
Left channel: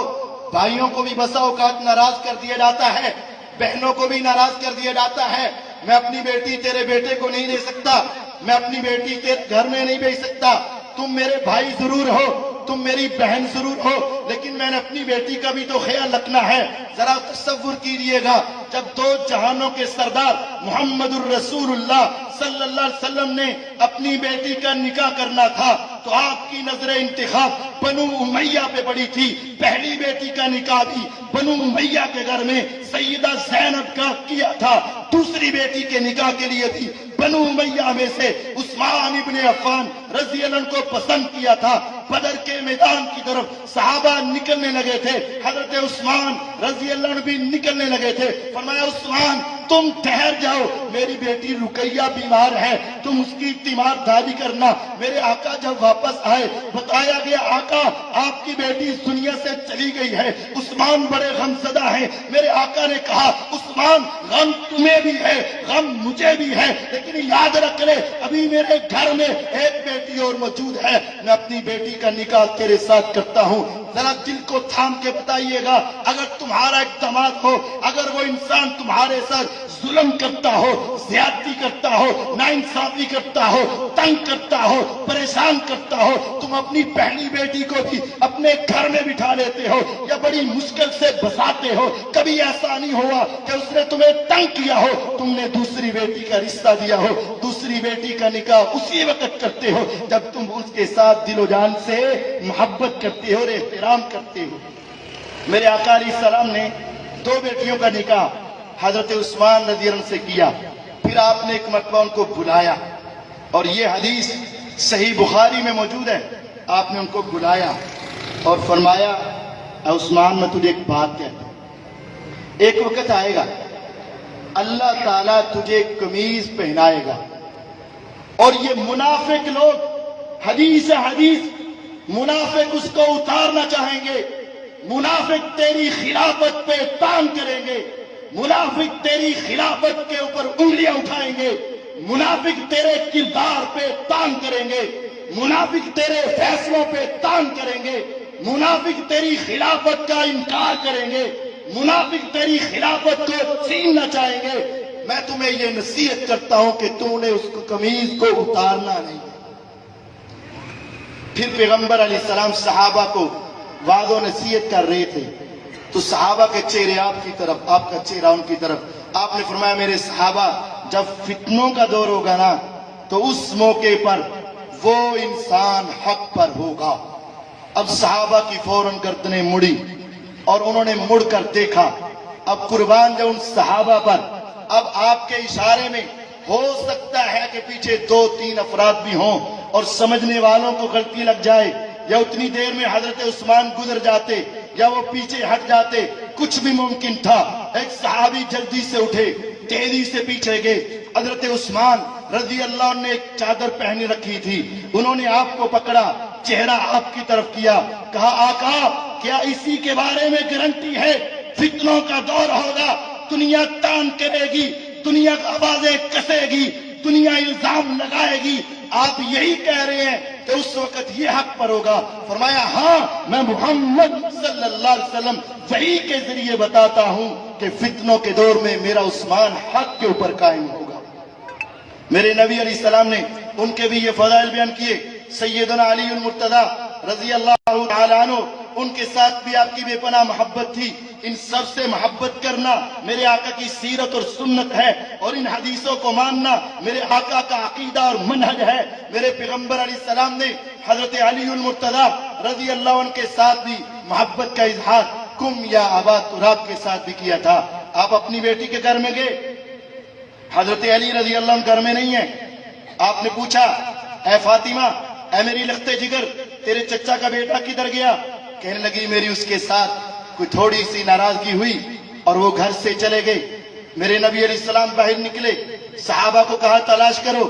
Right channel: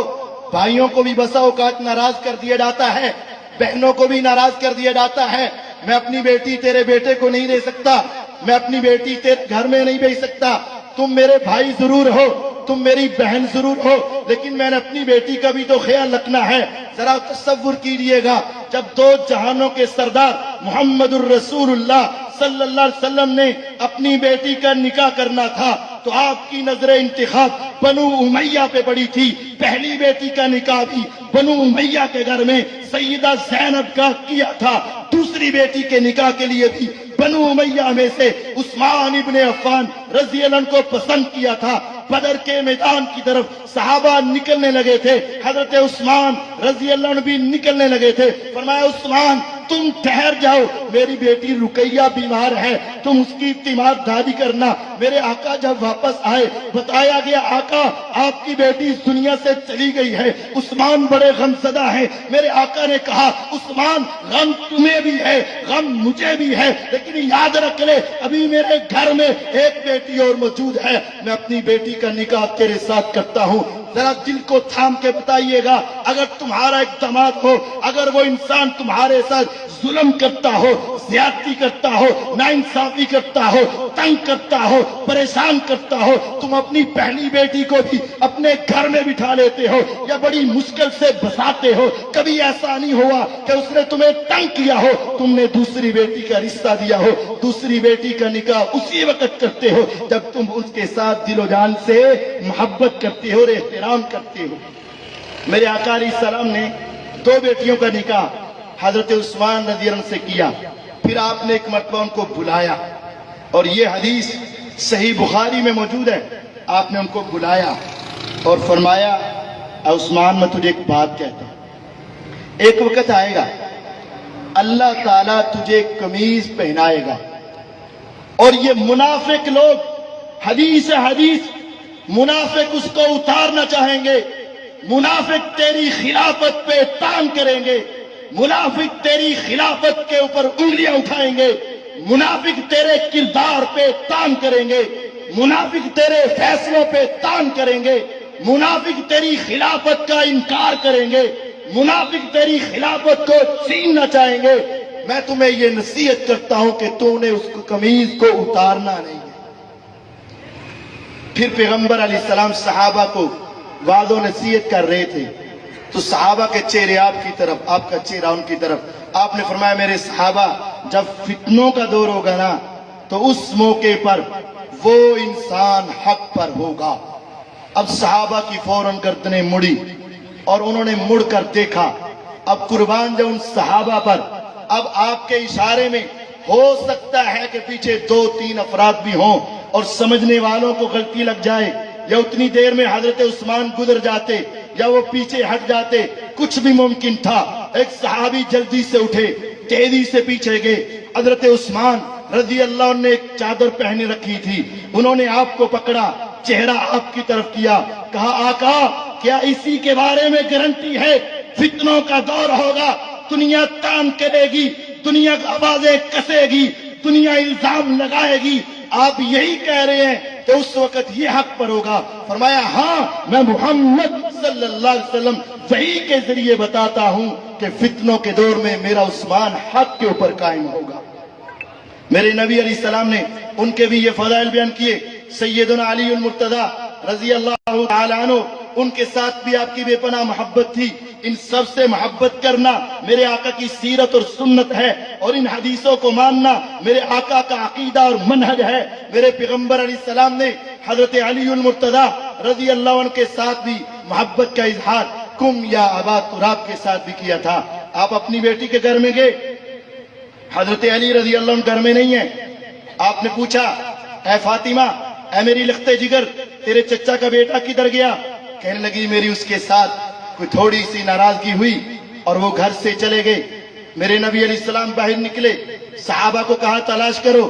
بھائیوں کو بھی بسا اوقات ناراض کر دیا جاتا ہے, بہنوں کو بھی ناراض کر دیا جاتا ہے. میں اپنی بیٹی تیرے بیٹے کو نہیں دے سکتا, میں اپنی بیٹی تیرے گھر میں نہیں بھیج سکتا, تم میرے بھائی ضرور ہو, تم میری بہن ضرور ہو, لیکن میں نے اپنی بیٹی کا بھی تو خیال رکھنا ہے. ذرا تصور کیجئے گا جب دو جہانوں کے سردار محمد الرسول اللہ صلی اللہ علیہ وسلم نے اپنی بیٹی کا نکاح کرنا تھا تو آپ کی نظر انتخاب بنو امیہ پہ پڑی تھی. پہلی بیٹی کا نکاح بھی بنو امیہ کے گھر میں سیدہ زینب کا کیا تھا. دوسری بیٹی کے نکاح کے لیے بھی بنو امیہ میں سے عثمان ابن عفان رضی اللہ عنہ کو پسند کیا تھا. بدر کے میدان کی طرف صحابہ نکلنے لگے تھے, حضرت عثمان رضی اللہ عنہ بھی نکلنے لگے تھے. فرمایا عثمان تم ٹھہر جاؤ, میری بیٹی رقیہ بیمار ہے, تم اس کی تیمارداری کرنا. میرے آقا جب واپس آئے بتایا گیا آقا آپ کی بیٹی اس دنیا سے چلی گئی ہے. عثمان بڑے غم زدہ ہیں. میرے آقا نے کہا عثمان غم تمہیں بھی ہے, غم مجھے بھی ہے, لیکن یاد رکھ لے ابھی میرے گھر میں ایک بیٹی اور موجود ہے, میں اپنی بیٹی کا نکاح تیرے ساتھ کرتا ہوں. ذرا دل کو تھام کے بتائیے گا, اگر تمہارا ایک دماد ہو, اگر وہ انسان تمہارے ساتھ ظلم کرتا ہو, زیادتی کرتا ہو, ناانصافی کرتا ہو, تنگ کرتا ہو, پریشان کرتا ہو, تم اپنی پہلی بیٹی کو بھی اپنے گھر میں بٹھا لیتے ہو یا بڑی مشکل سے بساتے ہو. کبھی ایسا نہیں ہوا کہ اس نے تمہیں تنگ کیا ہو, تم نے دوسری بیٹی کا رشتہ دیا ہو, دوسری بیٹی کا نکاح اسی وقت کرتے ہو جب تم اس کے ساتھ دل و جان سے محبت کرتے ہو اور احترام کرتے ہو. میرے آقا علیہ السلام نے دو بیٹیوں کا نکاح حضرت عثمان رضی اللہ عنہ سے کیا. پھر آپ نے ایک مرتبہ ان کو بلایا اور یہ حدیث صحیح بخاری میں موجود ہے. آپ نے ان کو بلایا اور فرمایا اے عثمان میں تجھے ایک بات کہتا ہوں، ایک وقت آئے گا اللہ تعالیٰ تجھے قمیض پہنائے گا اور یہ منافق لوگ حدیث منافق اس کو اتارنا چاہیں گے، منافق تیری خلافت پہ تان کریں گے، منافق تیری خلافت کے اوپر انگلیاں اٹھائیں گے، منافق تیرے کردار پہ تان کریں گے، منافق تیرے فیصلوں پہ تان کریں گے، منافق تیری خلافت کا انکار کریں گے، منافق تیری خلافت کو چھیننا چاہیں گے. میں تمہیں یہ نصیحت کرتا ہوں کہ تم نے اس کو قمیض کو اتارنا نہیں. پھر پیغمبر علیہ السلام صحابہ کو وعظ و نصیحت کر رہے تھے تو صحابہ کے چہرے آپ کی طرف، آپ کا چہرہ ان کی طرف. آپ نے فرمایا میرے صحابہ جب فتنوں کا دور ہوگا نا تو اس موقع پر وہ انسان حق پر ہوگا. اب صحابہ کی فوراً گردنیں مڑی اور انہوں نے مڑ کر دیکھا. اب قربان جاؤں ان صحابہ پر. اب آپ کے اشارے میں ہو سکتا ہے کہ پیچھے 2-3 افراد بھی ہوں اور سمجھنے والوں کو غلطی لگ جائے، یا اتنی دیر میں حضرت عثمان گزر جاتے یا وہ پیچھے ہٹ جاتے، کچھ بھی ممکن تھا. ایک صحابی جلدی سے اٹھے، تیزی سے پیچھے گئے. حضرت عثمان رضی اللہ عنہ نے ایک چادر پہنے رکھی تھی، انہوں نے آپ کو پکڑا، چہرہ آپ کی طرف کیا، کہا آقا کیا اسی کے بارے میں گارنٹی ہے فتنوں کا دور ہوگا، دنیا تان کرے گی، دنیا آوازیں کسے گی، دنیا الزام لگائے گی، آپ یہی کہہ رہے ہیں کہ اس وقت یہ حق پر ہوگا؟ فرمایا ہاں میں محمد صلی اللہ علیہ وسلم وحی کے ذریعے بتاتا ہوں کہ فتنوں کے دور میں میرا عثمان حق کے اوپر قائم ہوگا. میرے نبی علیہ السلام نے ان کے بھی یہ فضائل بیان کیے. سیدنا علی المرتضی رضی اللہ تعالیٰ عنہ، ان کے ساتھ بھی آپ کی بے پناہ محبت تھی. ان سب سے محبت کرنا میرے آقا کی سیرت اور سنت ہے، اور ان حدیثوں کو ماننا میرے آقا کا عقیدہ اور منہج ہے. میرے پیغمبر علیہ السلام نے حضرت علی المرتضی رضی اللہ عنہ کے ساتھ بھی محبت کا اظہار کم یا ابا تراب کے ساتھ بھی کیا تھا. آپ اپنی بیٹی کے گھر میں گئے، حضرت علی رضی اللہ عنہ گھر میں نہیں ہیں. آپ نے پوچھا اے فاطمہ، اے میری لختے جگر، تیرے چچا کا بیٹا کدھر گیا؟ کہنے لگی میری اس کے ساتھ کوئی تھوڑی سی ناراضگی ہوئی اور وہ گھر سے چلے گئے. میرے نبی علیہ السلام باہر نکلے، صحابہ کو کہا تلاش کرو.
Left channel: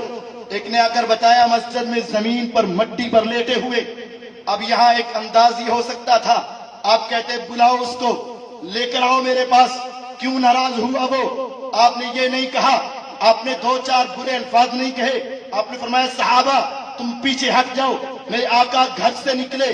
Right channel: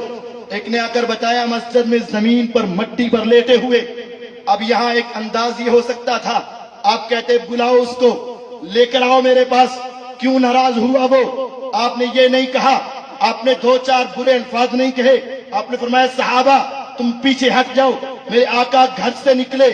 ایک نے آ کر بتایا مسجد میں زمین پر مٹی پر لیٹے ہوئے. اب یہاں ایک انداز یہ ہو سکتا تھا، آپ کہتے بلاؤ اس کو، لے کر آؤ میرے پاس، کیوں ناراض ہوا وہ؟ آپ نے یہ نہیں کہا، آپ نے 2-4 برے الفاظ نہیں کہے. آپ نے فرمایا صحابہ تم پیچھے ہٹ جاؤ. میرے آقا گھر سے نکلے،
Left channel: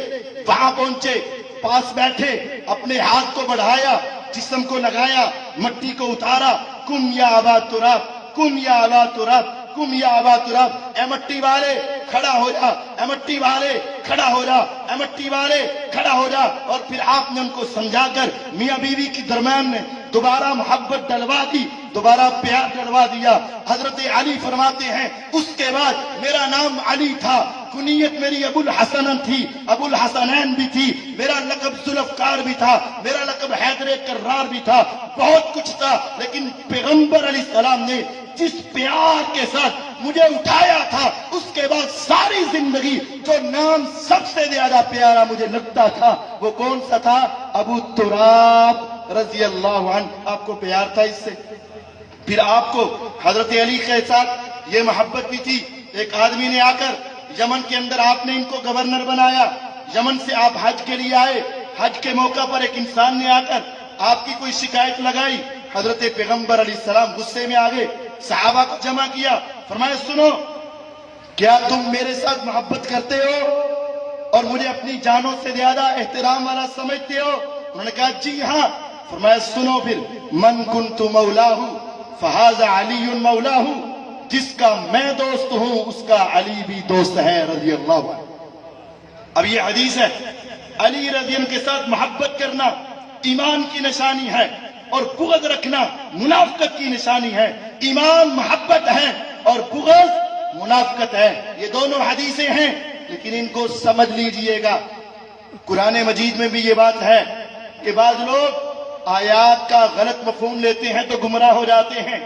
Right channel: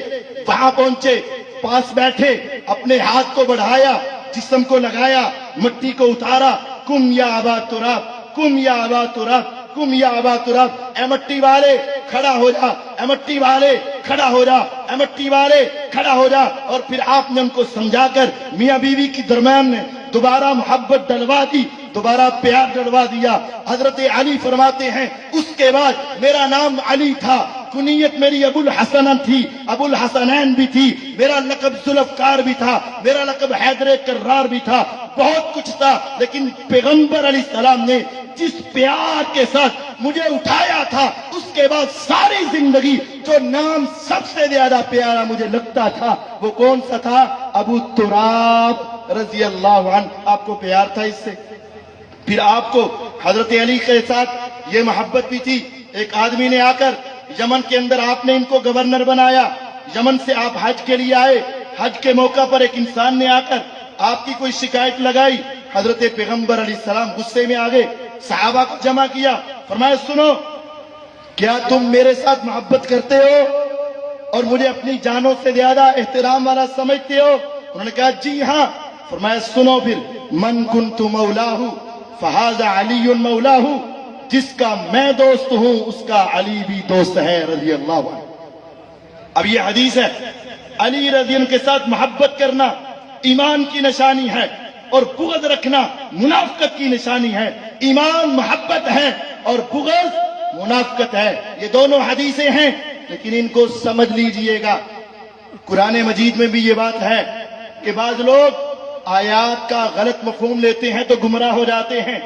وہاں پہنچے، پاس بیٹھے، اپنے ہاتھ کو بڑھایا، جسم کو لگایا، مٹی کو اتارا. کم یا ابا تراب، کم یا ابا تراب، کم یا ابا تراب. اے مٹی والے کھڑا ہو جا، اے مٹی والے کھڑا ہو جا، اے مٹی والے کھڑا ہو جا. اور پھر آپ نے ان کو سمجھا کر میاں بیوی کے درمیان میں دوبارہ محبت ڈلوا دی، دوبارہ پیار ڈلوا دیا. حضرت علی فرماتے ہیں اس کے بعد میرا نام علی تھا، کنیت میری ابو الحسن تھی، ابو الحسنین بھی تھی، میرا لقب ذوالفقار بھی تھا، میرا لقب حیدر کرار بھی تھا، بہت کچھ تھا. لیکن پیغمبر علیہ السلام نے جس پیار کے ساتھ مجھے اٹھایا تھا، اس کے بعد ساری زندگی جو نام سب سے زیادہ پیارا مجھے لگتا تھا وہ کون سا تھا؟ ابو تراب رضی اللہ عنہ. آپ کو پیار تھا اس سے. پھر آپ کو حضرت علی کے ساتھ یہ محبت بھی تھی. ایک آدمی نے آ کر یمن کے اندر آپ نے ان کو گورنر بنایا. یمن سے آپ حج کے لیے آئے، حج کے موقع پر ایک انسان نے آ کر آپ کی کوئی شکایت لگائی. حضرت پیغمبر علیہ السلام غصے میں آ گئے، صحابہ کو جمع کیا، فرمایا سنو، کیا تم میرے ساتھ محبت کرتے ہو اور مجھے اپنی جانوں سے زیادہ احترام والا سمجھتے ہو؟ انہوں نے کہا جی ہاں. فرمایا سنو پھر، من کنت مولاہ فہذا علی مولاہ، جس کا میں دوست ہوں اس کا علی بھی دوست ہے رضی اللہ عنہ. اب یہ حدیث ہے، علی رضی اللہ کے ساتھ محبت کرنا ایمان کی نشانی ہے اور بغض رکھنا منافقت کی نشانی ہے. ایمان محبت ہے اور بغض منافقت ہے. یہ دونوں حدیثیں ہیں لیکن ان کو سمجھ لیجئے گا. قرآن مجید میں بھی یہ بات ہے کہ بعض لوگ آیات کا غلط مفہوم لیتے ہیں تو گمراہ ہو جاتے ہیں،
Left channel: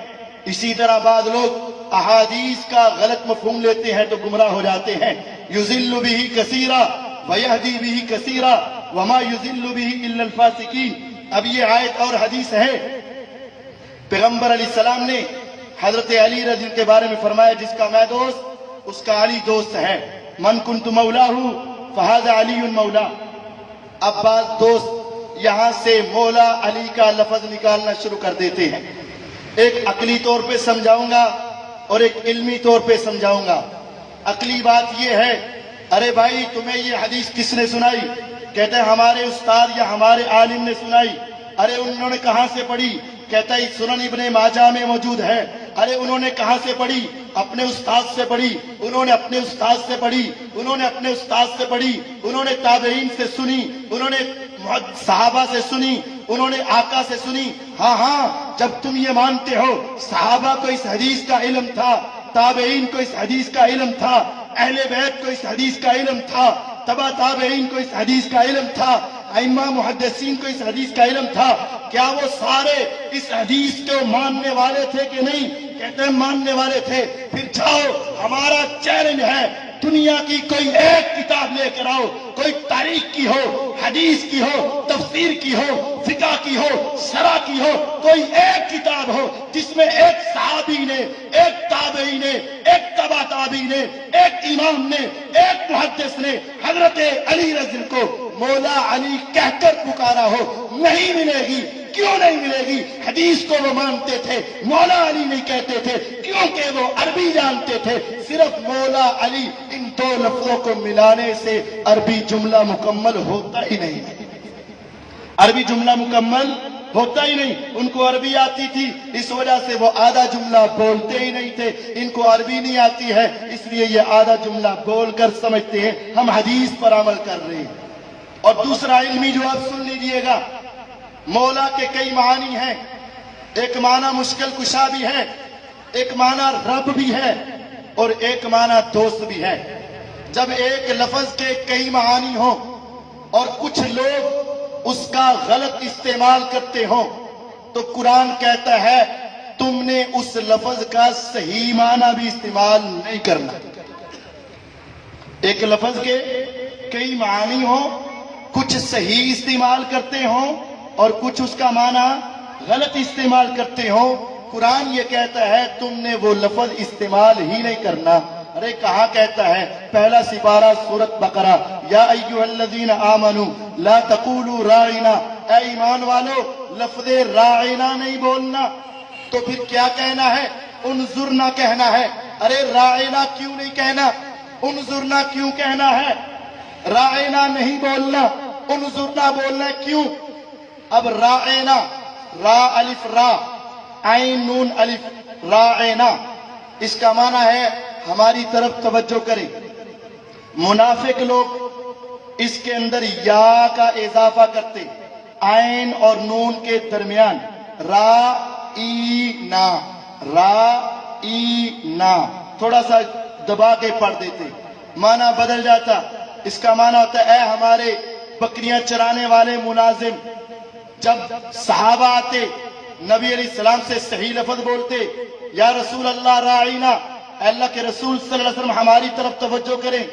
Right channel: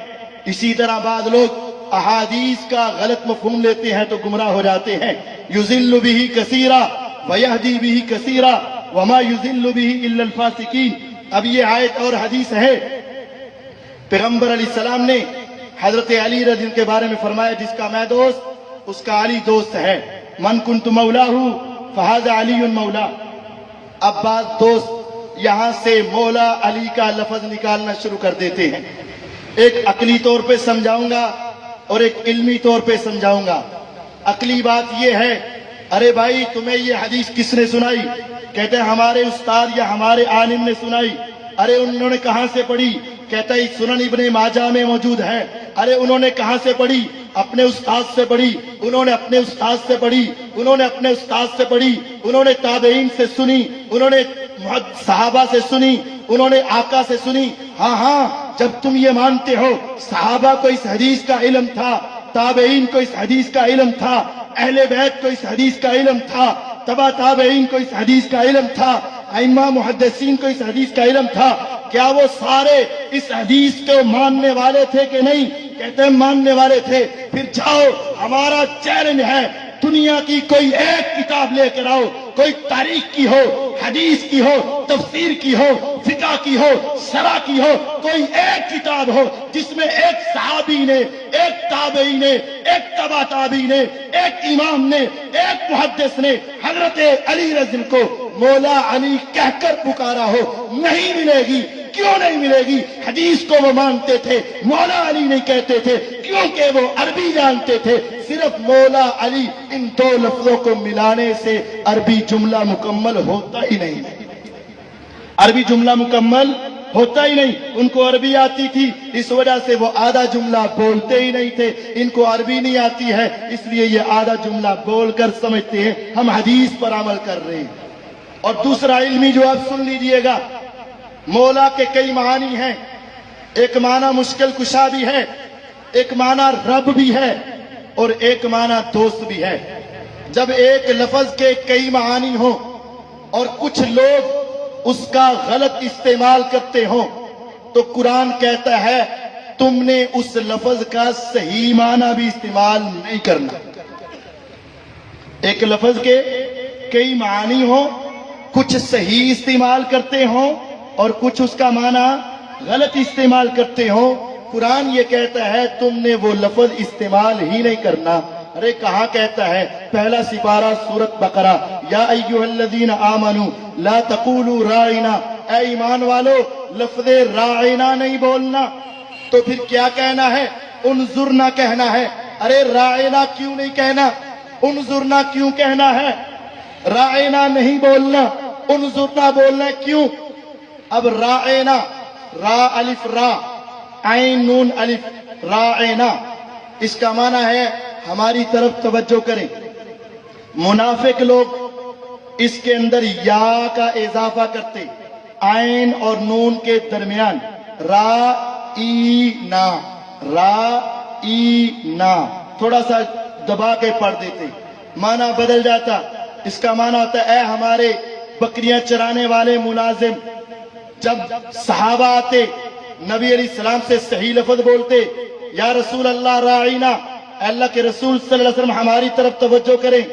اسی طرح بعض لوگ احادیث کا غلط مفہوم لیتے ہیں تو گمراہ ہو جاتے ہیں۔ یضل بہ کثیرا ویہدی بہ کثیرا وما یضل بہ الا الفاسقین۔ اب یہ آیت اور حدیث ہے، پیغمبر علیہ السلام نے حضرت علی رضی اللہ عنہ کے بارے میں فرمایا جس کا میں دوست اس کا علی دوست ہے، من کنت مولاہ فہذا علی مولا۔ اب بعض دوست یہاں سے مولا علی کا لفظ نکالنا شروع کر دیتے ہیں۔ ایک عقلی طور پہ سمجھاؤں گا اور ایک علمی طور پہ سمجھاؤں گا۔ عقلی بات یہ ہے، ارے بھائی تمہیں یہ حدیث کس نے سنائی؟ کہتے ہیں ہمارے استاد یا ہمارے عالم نے سنائی۔ ارے انہوں نے کہاں سے پڑھی؟ کہتا ہے سنن ابن ماجہ میں موجود ہے۔ ارے انہوں نے کہاں سے پڑھی؟ اپنے استاد سے پڑھی، انہوں نے اپنے استاد سے پڑھی، انہوں نے اپنے استاد سے پڑھی، انہوں نے تابعین سے سنی، انہوں نے صحابہ سے سنی، انہوں نے آقا سے سنی۔ ہاں ہاں، جب تم یہ مانتے ہو صحابہ کو اس حدیث کا علم تھا، تابعین کو اس حدیث کا علم تھا، اہل بیت کو اس حدیث کا علم تھا، تبع تابعین کو اس حدیث کا علم تھا، ائمہ محدثین کو اس حدیث کا علم تھا، کیا وہ سارے اس حدیث کو ماننے والے تھے کہ نہیں؟ کہتے ہیں ماننے والے تھے۔ پھر جاؤ، ہمارا چیلنج ہے، دنیا کی کوئی ایک کتاب لے کر آؤ، کوئی تاریخ کی ہو، حدیث کی ہو، تفسیر کی ہو، فقہ کی ہو، شرع کی ہو، کوئی ایک کتاب ہو جس میں ایک صحابی نے، ایک تابعی نے، ایک تبع تابعی نے، ایک امام نے، ایک محدث نے حضرت علی رضی اللہ عنہ کو مولا علی کہہ کر پکارا ہو، نہیں ملے گی۔ کیوں نہیں ملے گی؟ حدیث کو وہ مانتے تھے، مولا علی نہیں کہتے تھے، کیونکہ وہ عربی جانتے تھے۔ صرف مولا علی، ان دو لفظوں کو ملانے سے عربی جملہ مکمل ہوتا ہی نہیں، عربی جملہ مکمل ہوتا ہی نہیں۔ ان کو عربی آتی تھی، اس وجہ سے وہ آدھا جملہ بولتے ہی نہیں تھے۔ ان کو عربی نہیں آتی ہے، اس لیے یہ آدھا جملہ بول کر سمجھتے ہیں ہم حدیث پر عمل کر رہے ہیں۔ اور دوسرا علمی جواب سن لیجئے گا، مولا کے کئی معنی ہیں۔ ایک معنی مشکل کشا بھی ہے، ایک معنی رب بھی ہے، اور ایک معنی دوست بھی ہے۔ جب ایک لفظ کے کئی معانی ہوں اور کچھ لوگ اس کا غلط استعمال کرتے ہوں تو قرآن کہتا ہے تم نے اس لفظ کا صحیح معنی بھی استعمال نہیں کرنا۔ ایک لفظ کے کئی معانی ہوں، کچھ صحیح استعمال کرتے ہوں اور کچھ اس کا معنی غلط استعمال کرتے ہوں، قرآن یہ کہتا ہے تم نے وہ لفظ استعمال ہی نہیں کرنا۔ ارے کہاں کہتا ہے؟ پہلا سپارہ سورۃ بقرہ، یا ایھا الذین آمنوا لا تقولوا راعنا، اے ایمان والو لفظ راعنا نہیں بولنا۔ تو پھر کیا کہنا ہے؟ انظرنا کہنا ہے۔ ارے راعنا کیوں نہیں کہنا؟ انظرنا کیوں کہنا ہے؟ راعنا نہیں بولنا، انظرنا بولنا کیوں؟ اب راعنا، را الف را، عین نون الف، راعنا، اس کا معنی ہے ہماری طرف توجہ کریں۔ منافق لوگ اس کے اندر یا کا اضافہ کرتے، عین اور نون کے درمیان، را ای نا، را ای نا، تھوڑا سا دبا کے پڑھ دیتے، معنی بدل جاتا۔ اس کا معنی ہوتا ہے اے ہمارے بکریاں چرانے والے ملازم۔ جب صحابہ آتے نبی علیہ السلام سے صحیح لفظ بولتے، یا رسول اللہ راعینا، اے اللہ کے رسول صلی اللہ علیہ وسلم ہماری طرف توجہ کریں۔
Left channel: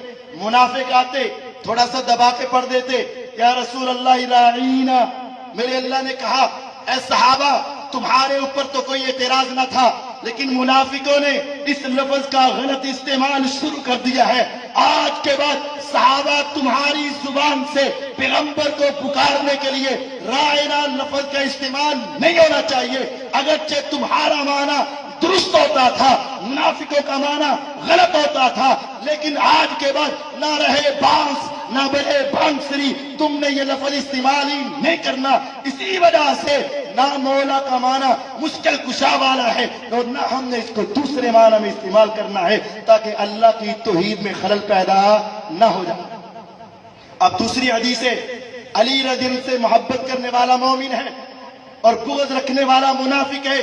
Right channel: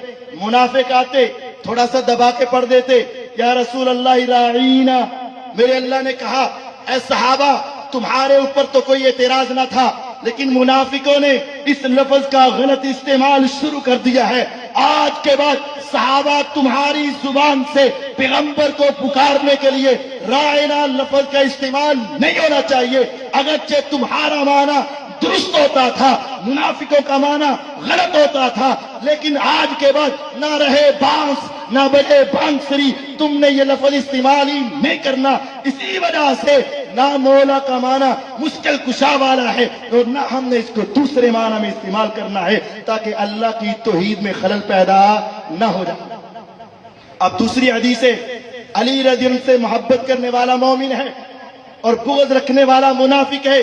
منافق آتے تھوڑا سا دبا کے پڑھ دیتے، یا رسول اللہ راعینا، میرے اللہ نے کہا اے صحابہ تمہارے اوپر تو کوئی اعتراض نہ تھا، لیکن منافقوں نے اس لفظ کا غلط استعمال شروع کر دیا ہے۔ آج کے بعد صحابہ تمہاری زبان سے پیغمبر کو پکارنے کے لیے راعنا لفظ کا استعمال نہیں ہونا چاہیے، اگرچہ تمہارا معنی درست ہوتا تھا، منافقوں کا معنی غلط ہوتا تھا، لیکن آج کے بعد نہ رہے بانس نہ بڑے بانسری، تم نے یہ لفظ استعمال ہی نہیں کرنا۔ اسی وجہ سے نہ مولا کا معنی مشکل کشا والا ہے اور نہ ہم نے اس کو دوسرے معنی میں استعمال کرنا ہے تاکہ اللہ کی توحید میں خلل پیدا نہ ہو جائے۔ اب دوسری حدیث ہے، علی رضی اللہ عنہ سے محبت کرنے والا مومن ہے اور بغض رکھنے والا منافق ہے۔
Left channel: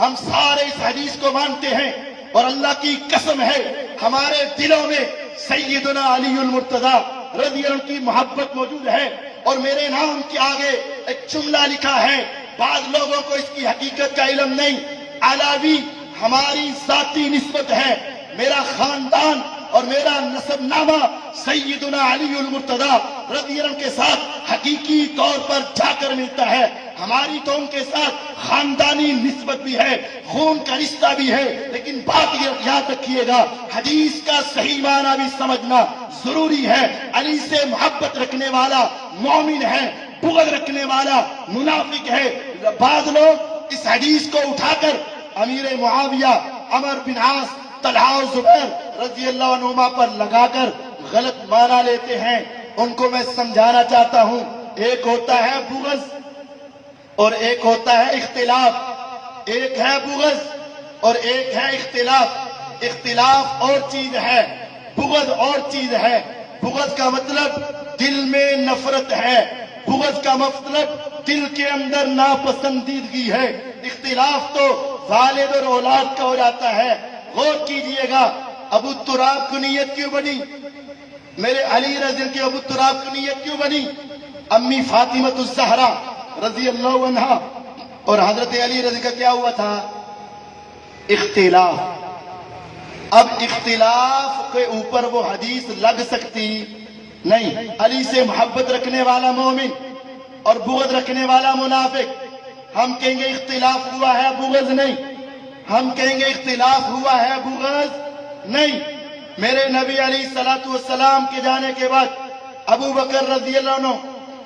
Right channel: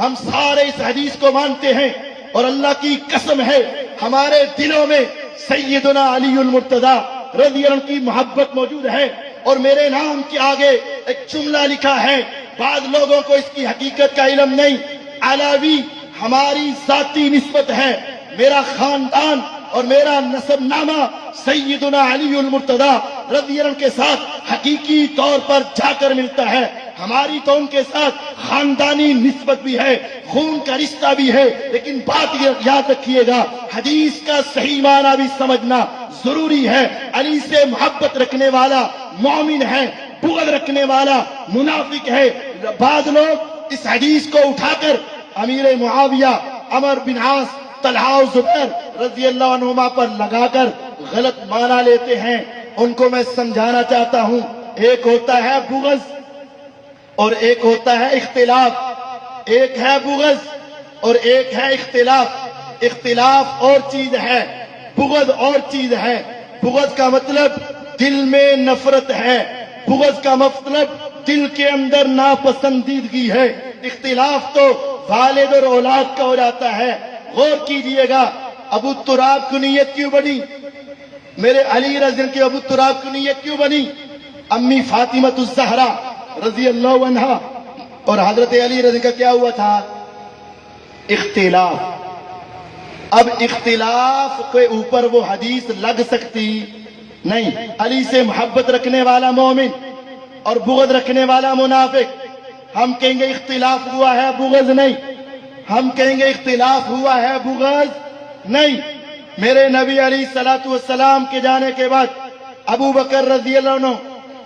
ہم سارے اس حدیث کو مانتے ہیں اور اللہ کی قسم ہے ہمارے دلوں میں سیدنا علی المرتضی رضی اللہ عنہ کی محبت موجود ہے۔ اور میرے نام کے آگے ایک جملہ لکھا ہے. بعض لوگوں کو اس کی حقیقت کا علم نہیں. علاوی ہماری ذاتی نسبت ہے. میرا خاندان اور میرا نسب نامہ سیدنا علی المرتضی رضی اللہ عنہ کے ساتھ حقیقی طور پر جا کر ملتا ہے. ہماری تو ان کے ساتھ خاندانی نسبت بھی ہے, خون کا رشتہ بھی ہے, لیکن بات یہ یاد رکھیے گا, حدیث کا صحیح معنی بھی سمجھنا ضروری ہے. علی سے محبت رکھنے والا مومن ہے, بغض رکھنے والا منافق ہے. بعض لوگ اس حدیث کو اٹھا کر امیر معاویہ, عمر بن عاص, طلحہ و زبیر رضی اللہ عنہما پر لگا کر غلط معنی لیتے ہیں. ان کو میں سمجھانا چاہتا ہوں, ایک ہوتا ہے بغض اور ایک ہوتا ہے اختلاف. ایک ہے بغض اور ایک ہے اختلاف. اختلاف اور چیز ہے, بغض اور چیز ہے. بغض کا مطلب دل میں نفرت ہے, بغض کا مطلب دل کے اندر ناپسندیدگی ہے. اختلاف تو والد اور اولاد کا ہو جاتا ہے. غور کیجئے گا, ابو تراب کی نیت کیوں بنی؟ میرے علی رضی اللہ کی ابو تراب کی نیت کیوں بنی؟ امی فاطمہ الزہرا رضی اللہ عنہا اور حضرت علی رضی کا کیا ہوا تھا؟ اختلاف. اب اختلاف کے اوپر وہ حدیث لگ سکتی نہیں. علی سے محبت رکھنے والا مومن اور بغض رکھنے والا منافق, ہم کہیں گے اختلاف ہوا ہے, بغض نہیں. ہم کہیں گے اختلاف ہوا ہے, بغض نہیں. میرے نبی علیہ الصلوۃ والسلام کے جانے کے بعد ابو بکر رضی اللہ عنہ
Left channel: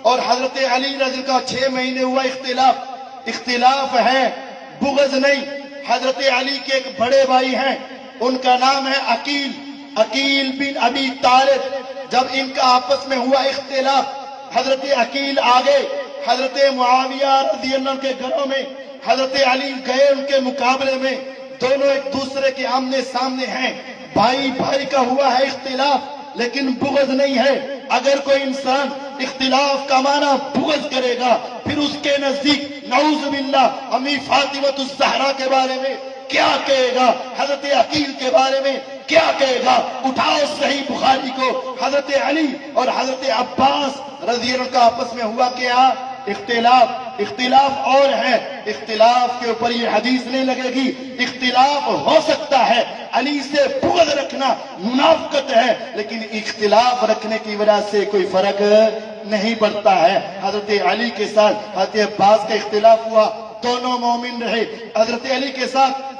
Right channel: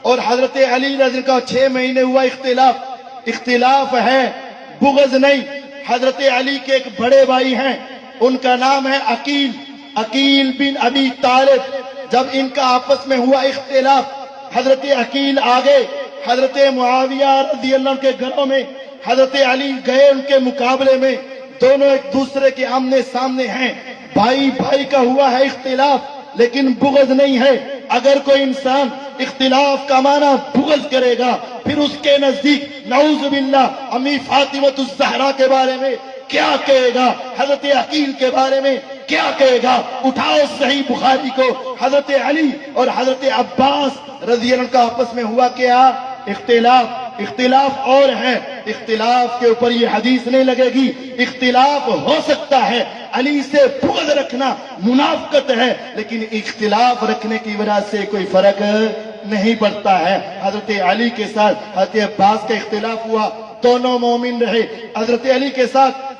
اور حضرت علی رضی کا 6 مہینے ہوا اختلاف. اختلاف ہے, بغض نہیں. حضرت علی کے ایک بڑے بھائی ہیں, ان کا نام ہے عقیل, عقیل بن ابی طالب. جب ان کا آپس میں ہوا اختلاف, حضرت عقیل آگے حضرت معاویہ رضی اللہ عنہ کے گھروں میں, حضرت علی گئے ان کے مقابلے میں. دونوں ایک دوسرے کے آمنے سامنے ہیں, بھائی بھائی کا ہوا ہے اختلاف, لیکن بغض نہیں ہے. اگر کوئی انسان اختلاف کا معنی بغض کرے گا, پھر اس کے نزدیک نعوذ باللہ امی فاطمہ الزہرا کے بارے میں کیا کہے گا, حضرت عقیل کے بارے میں کیا کہے گا؟ اٹھاؤ صحیح بخاری کو, حضرت علی اور حضرت عباس رضی اللہ عنہ کا آپس میں ہوا کیا؟ اختلاف. اختلاف اور ہے, اختلاف کے اوپر یہ حدیث نہیں لگے گی. اختلاف ہو سکتا ہے, علی سے بغض رکھنا منافقت ہے, لیکن اختلاف رکھنے کی وجہ سے کوئی فرق نہیں پڑتا ہے. حضرت علی کے ساتھ حضرت عباس کا اختلاف ہوا, دونوں مومن رہے. حضرت علی کے ساتھ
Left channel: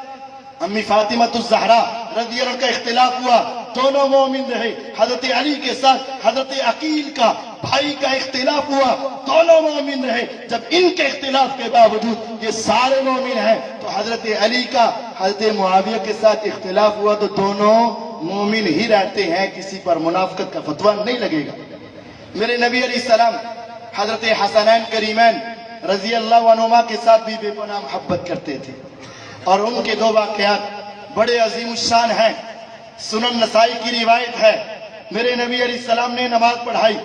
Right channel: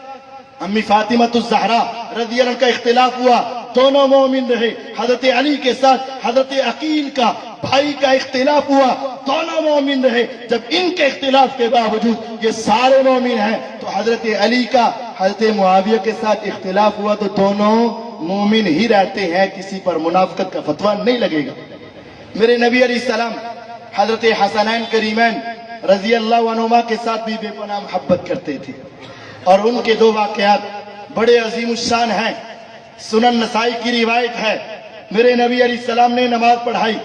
امی فاطمہ الزہرا رضی اللہ عنہ کا اختلاف ہوا, دونوں مومن رہے. حضرت علی کے ساتھ حضرت عقیل کا بھائی کا اختلاف ہوا, دونوں مومن رہے. جب ان کے اختلاف کے باوجود یہ سارے مومن ہیں, تو حضرت علی کا حضرت معاویہ کے ساتھ اختلاف ہوا تو دونوں مومن ہی رہتے ہیں, کسی پر منافقت کا فتویٰ نہیں لگے گا. میرے نبی علیہ السلام حضرت حسنین کریمین رضی اللہ عنہما کے ساتھ بھی بے پناہ محبت کرتے تھے, اور ان کے 2 واقعات بڑے عظیم الشان ہیں. سنن نسائی کی روایت ہے, میرے نبی علیہ السلام نے نماز پڑھائی.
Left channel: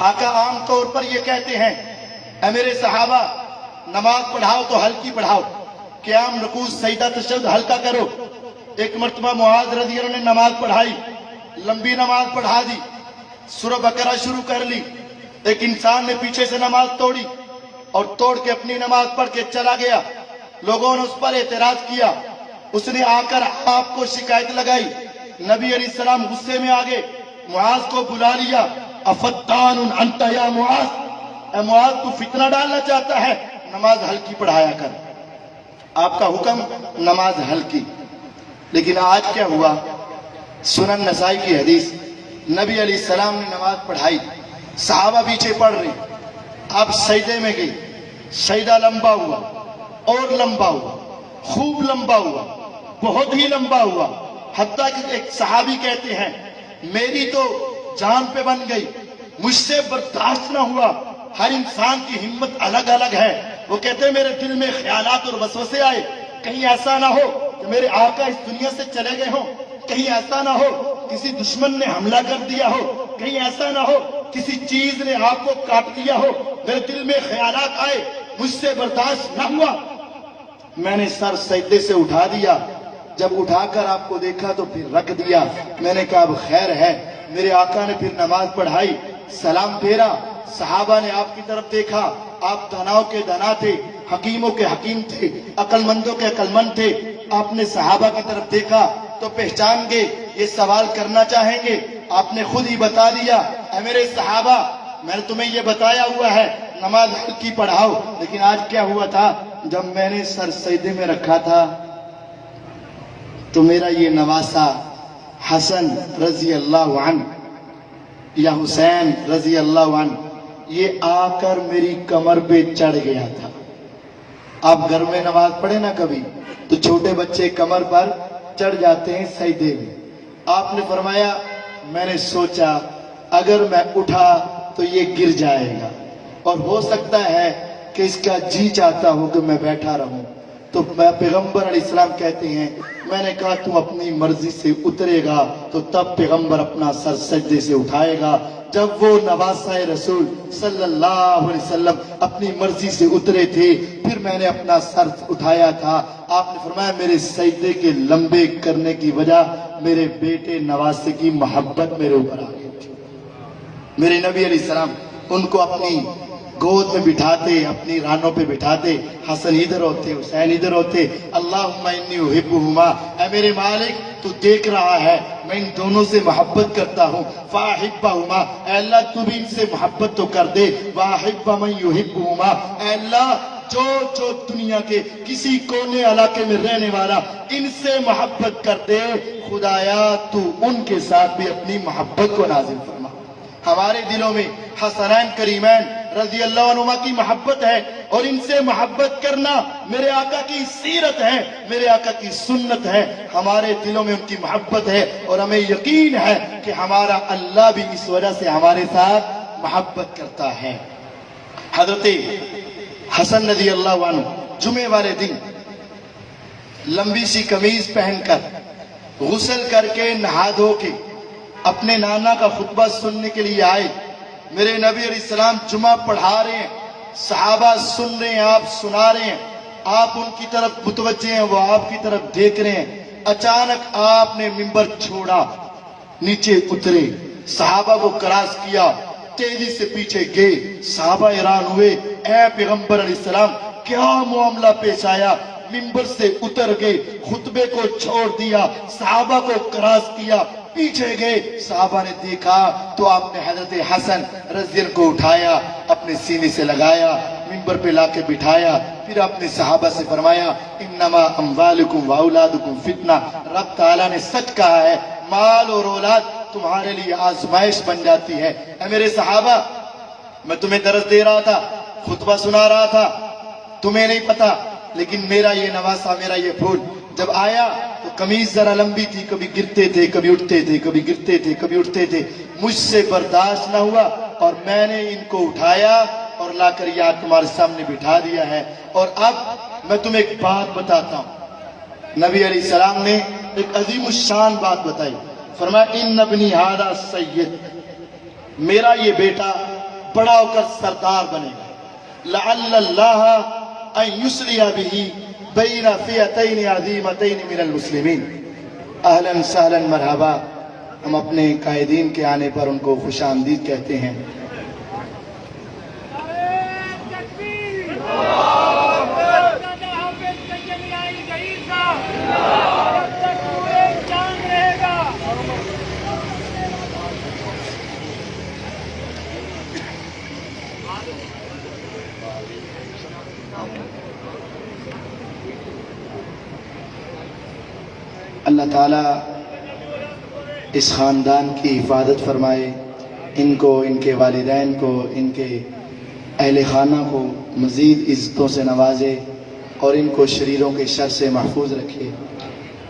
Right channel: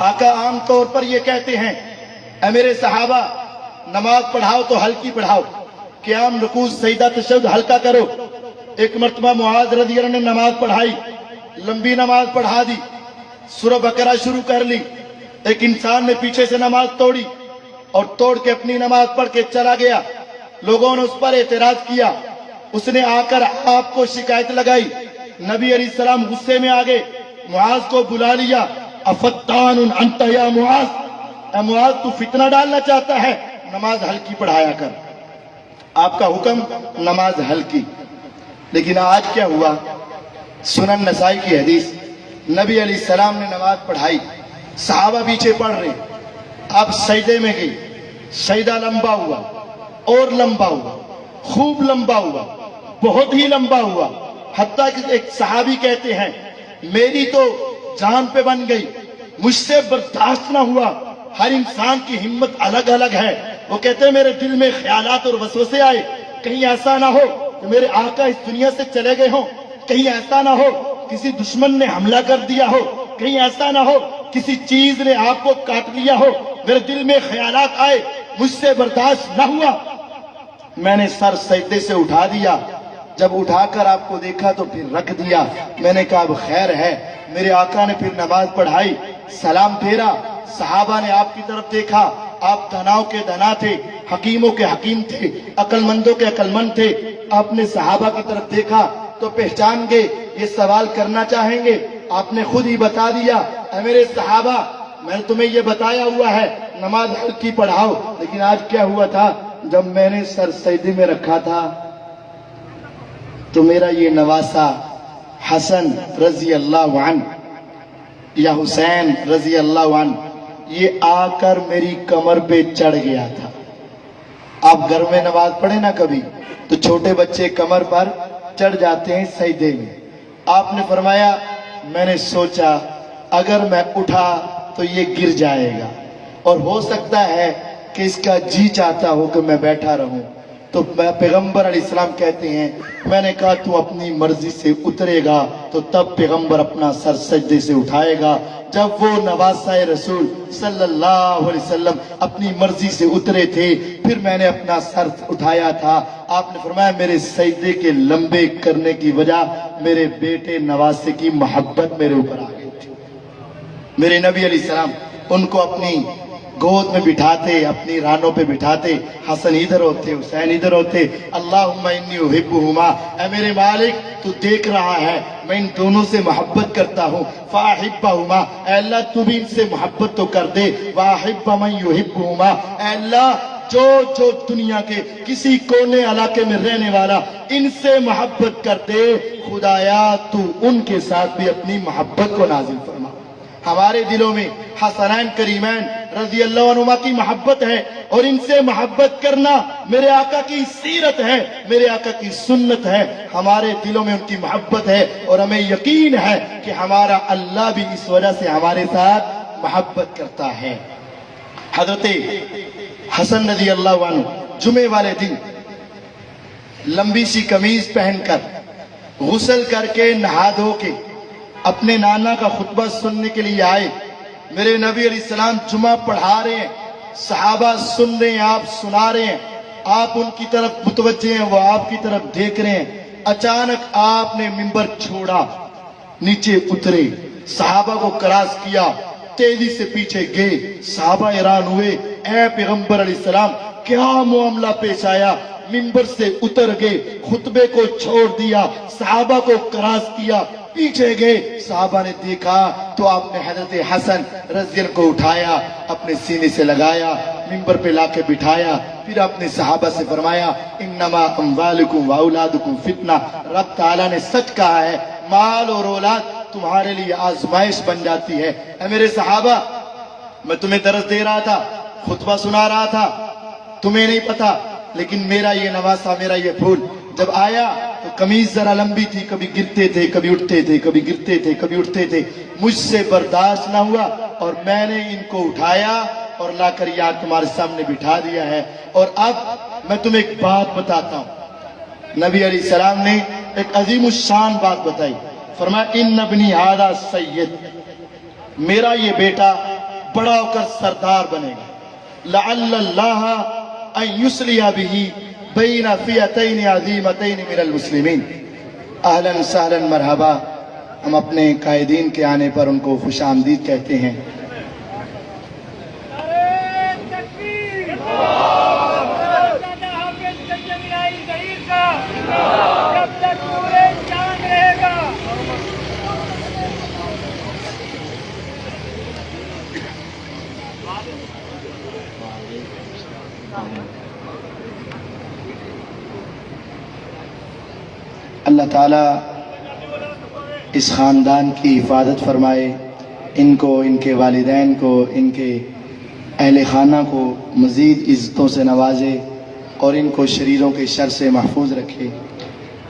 آقا عام طور پر یہ کہتے ہیں, اے میرے صحابہ نماز پڑھاؤ تو ہلکی پڑھاؤ, قیام رکوع سجدہ تشہد ہلکا کرو. ایک مرتبہ معاذ رضی اللہ عنہ نے نماز پڑھائی, لمبی نماز پڑھا دی, سورہ بقرہ شروع کر لی. ایک انسان نے پیچھے سے نماز توڑی اور توڑ کے اپنی نماز پڑھ کے چلا گیا. لوگوں نے اس پر اعتراض کیا, اس نے آ کر آپ کو شکایت لگائی. نبی علیہ السلام غصے میں آ گئے, معاذ کو بلا لیا. افتان انت یا معاذ, اے معاذ تو فتنہ ڈالنا چاہتا ہے, نماز ہلکی پڑھایا کر. آپ کا حکم نماز ہلکی. لیکن آج کیا ہوا؟ سنن نسائی کی حدیث, نبی علیہ السلام نے نماز پڑھائی, صحابہ پیچھے پڑھ رہے, آپ سجدے میں گئی, سجدہ لمبا ہوا اور لمبا ہوا, خوب لمبا ہوا, بہت ہی لمبا ہوا. حتیٰ کہ ایک صحابی کہتے ہیں میری تو جان پہ بن گئی, مجھ سے برداشت نہ ہوا. ہر انسان کی ہمت الگ الگ ہے. وہ کہتے ہیں میرے دل میں خیالات اور وسوسے آئے, کہیں ایسا نہ ہو کہ میرے آقا اس دنیا سے چلے گئے ہوں, کہیں ایسا نہ ہو کسی دشمن نے حملہ کر دیا ہو, کہیں ایسا نہ ہو کسی چیز نے آپ کو کاٹ لیا ہو. میرے دل میں خیالات آئے, مجھ سے برداشت نہ ہوا, میں نے سر سجدے سے اٹھا دیا. جب اٹھا کر آپ کو دیکھا تو پھر رکھ دیا. میں نے کہا اب خیر ہے. میرے آقا نے پھر نماز پڑھائی, سلام پھیرا, صحابہ نے آپ کی طرف دیکھا، آپ داناؤں کے دانا تھے، حکیموں کے حکیم تھے، عقل مندوں کے عقل مند تھے. آپ نے صحابہ کی طرف دیکھا تو پہچان گئے یہ سوال کرنا چاہیں گے. آپ نے خود ہی بتا دیا، اے میرے صحابہ میں نے تمہیں یہ بتایا ہوا ہے نماز ہلکی پڑھاؤ، لیکن آج کیا ہوا تھا، جب میں نے سر سجدے میں رکھا تھا تو میرا یہ نواسا حسن رضی اللہ عنہ یا حسین رضی اللہ عنہ یہ آ کر میری کمر پہ چڑھ گیا تھا. آپ گھر میں نماز پڑھے نا کبھی تو چھوٹے بچے کمر پر چڑھ جاتے ہیں سجدے میں. آپ نے فرمایا میں نے سوچا اگر میں اٹھا تو یہ گر جائے گا اور ہو سکتا ہے کہ اس کا جی چاہتا ہو کہ میں بیٹھا رہوں. تو پیغمبر علیہ السلام کہتے ہیں میں نے کہا تو اپنی مرضی سے اترے گا تو تب پیغمبر اپنا سر سجدے سے اٹھائے گا. جب وہ نواسہ رسول صلی اللہ علیہ وسلم اپنی مرضی سے اترے تھے پھر میں نے اپنا سر اٹھایا تھا. آپ نے فرمایا میرے سجدے کے لمبے کرنے کی وجہ میرے بیٹے نواسے کی محبت میرے اوپر آ گئی تھی. میرے نبی علیہ السلام ان کو اپنی گود میں بٹھاتے، اپنی رانوں پہ بٹھاتے، حسن ادھر ہوتے، حسین ادھر ہوتے. اللہم انی احبہما، اے میرے مالک تو دیکھ رہا ہے میں ان دونوں سے محبت کرتا ہوں. فاحبہما، اے اللہ تو بھی ان سے محبت تو کر دے. واحب من یحبہما، اے اللہ جو جو دنیا کے کسی کونے علاقے میں رہنے والا ان سے محبت کر دے، خدایا تو ان کے ساتھ بھی اپنی محبت کو نازل فرما. ہمارے دلوں میں حسنین کریمین رضی اللہ عنہما کی محبت ہے اور ان سے محبت کرنا میرے آقا کی سیرت ہے، میرے آقا کی سنت ہے. ہمارے دلوں میں ان کی محبت ہے اور ہمیں یقین ہے کہ ہمارا اللہ بھی اس وجہ سے ہمارے ساتھ محبت کرتا ہے. حضرت حسن رضی اللہ عنہ جمعے والے دن لمبی سی قمیض پہن کر غسل کر کے نہا دھو کے اپنے نانا کا خطبہ سننے کے لیے آئے. میرے نبی علیہ السلام جمعہ پڑھا رہے ہیں، صحابہ سن رہے ہیں، آپ سنا رہے ہیں، آپ ان کی طرف متوجہ ہیں، وہ آپ کی طرف دیکھ رہے ہیں. اچانک آپ نے منبر چھوڑا، نیچے اترے، صحابہ کو کراس کیا، تیزی سے پیچھے گئے. صحابہ حیران ہوئے، اے پیغمبر علیہ السلام کیا معاملہ پیش آیا؟ منبر سے اتر گئے، خطبے کو چھوڑ دیا، صحابہ کو کراس کیا، پیچھے گئے. صحابہ نے دیکھا تو آپ نے حضرت حسن رضی اللہ کو اٹھایا، اپنے سینے سے لگایا، منبر پہ لا کے بٹھایا. پھر اپنے صحابہ سے فرمایا انما اموالکم واولادکم فتنہ. رب تعالیٰ نے سچ کہا ہے، مال اور اولاد تمہارے لیے آزمائش بن جاتی ہے. اے میرے صحابہ میں تمہیں درس دے رہا تھا، خطبہ سنا رہا تھا، تمہیں نہیں پتا، لیکن میرا یہ نواسا، میرا یہ پھول جب آیا تو قمیض ذرا لمبی تھی، کبھی گرتے تھے، کبھی اٹھتے تھے، کبھی گرتے تھے، کبھی اٹھتے تھے. مجھ سے برداشت نہ ہوا اور میں نے ان کو اٹھایا اور لا کر یہاں تمہارے سامنے بٹھا دیا ہے. اور اب میں تمہیں ایک بات بتاتا ہوں. نبی علیہ السلام نے ایک عظیم الشان بات بتائی. فرمایا ان ابنی ھذا سید، میرا یہ بیٹا بڑا ہو کر سردار بنے گا. لعل اللہ ان یصلح بہ بین فئتین عظیمتین من المسلمین. اہلا سہلا مرحبا. ہم اپنے قائدین کے آنے پر ان کو خوش آمدید کہتے ہیں. اللہ تعالیٰ اس خاندان کی حفاظت فرمائے، ان کو، ان کے والدین کو، ان کے اہل خانہ کو مزید عزتوں سے نوازے اور ان کو شریروں کے شر سے محفوظ رکھے.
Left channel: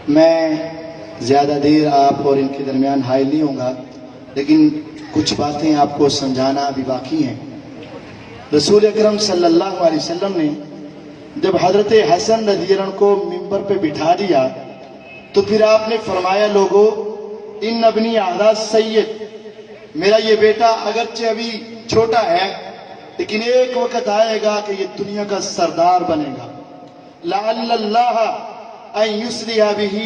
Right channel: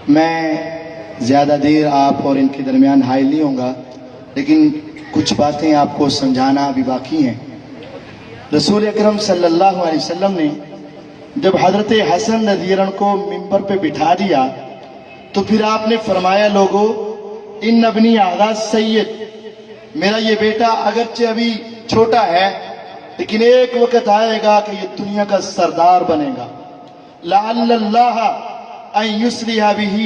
میں زیادہ دیر آپ اور ان کے درمیان حائل نہیں ہوں گا، لیکن کچھ باتیں آپ کو سمجھانا ابھی باقی ہیں. رسول اکرم صلی اللہ علیہ وسلم نے جب حضرت حسن رضی اللہ عنہ کو منبر پہ بٹھا دیا تو پھر آپ نے فرمایا لوگو ان ابنی ھذا سید، میرا یہ بیٹا اگرچہ ابھی چھوٹا ہے لیکن ایک وقت آئے گا کہ یہ دنیا کا سردار بنے گا. لعل اللہ ان یصلح بہ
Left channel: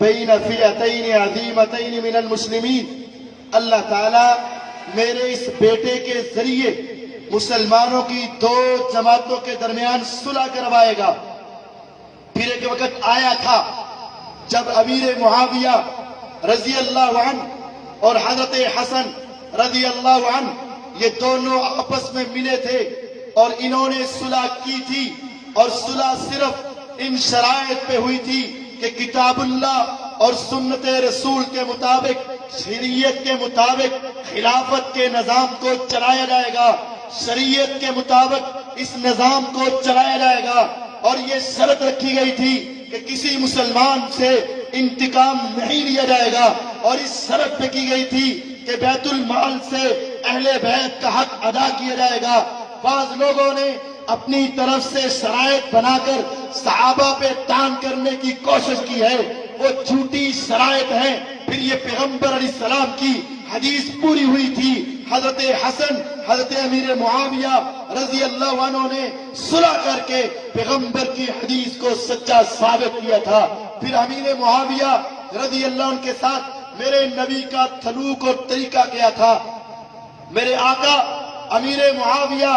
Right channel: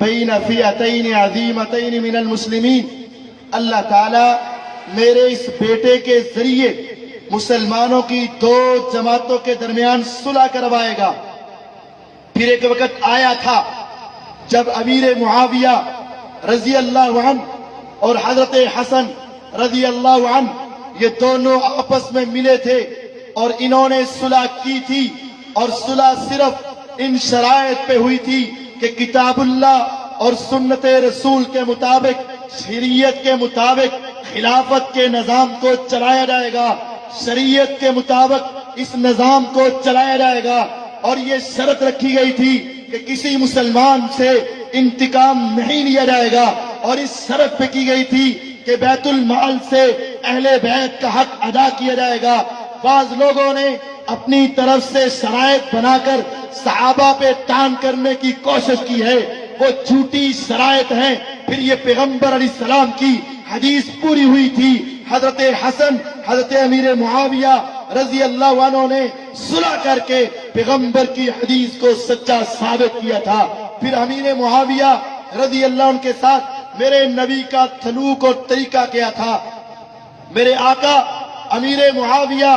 بین فئتین عظیمتین من المسلمین. اللہ تعالیٰ میرے اس بیٹے کے ذریعے مسلمانوں کی دو جماعتوں کے درمیان صلح کروائے گا۔ پھر ایک وقت آیا تھا جب امیر معاویہ رضی اللہ عنہ اور حضرت حسن رضی اللہ عنہ یہ دونوں آپس میں ملے تھے اور انہوں نے صلح کی تھی، اور صلح صرف ان شرائط پہ ہوئی تھی کہ کتاب اللہ اور سنت رسول کے مطابق، شریعت کے مطابق خلافت کے نظام کو چلایا جائے گا، شریعت کے مطابق اس نظام کو چلایا جائے گا۔ اور یہ شرط رکھی گئی تھی کہ کسی مسلمان سے انتقام نہیں لیا جائے گا، اور اس شرط پہ کی گئی تھی کہ بیت المال سے اہل بیت کا حق ادا کیا جائے گا۔ بعض لوگوں نے اپنی طرف سے شرائط بنا کر صحابہ پہ تان کرنے کی کوشش کی ہے، وہ جھوٹی شرائط ہیں۔ پھر یہ پیغمبر علیہ السلام کی حدیث پوری ہوئی تھی، حضرت حسن حضرت امیر معاویہ رضی اللہ عنہ نے صلح کر کے پیغمبر کی حدیث کو سچا ثابت کیا تھا۔ پھر امیر معاویہ رضی اللہ عنہ کے ساتھ میرے نبی کا سلوک اور طریقہ کیا تھا۔ میرے آقا امیر معاویہ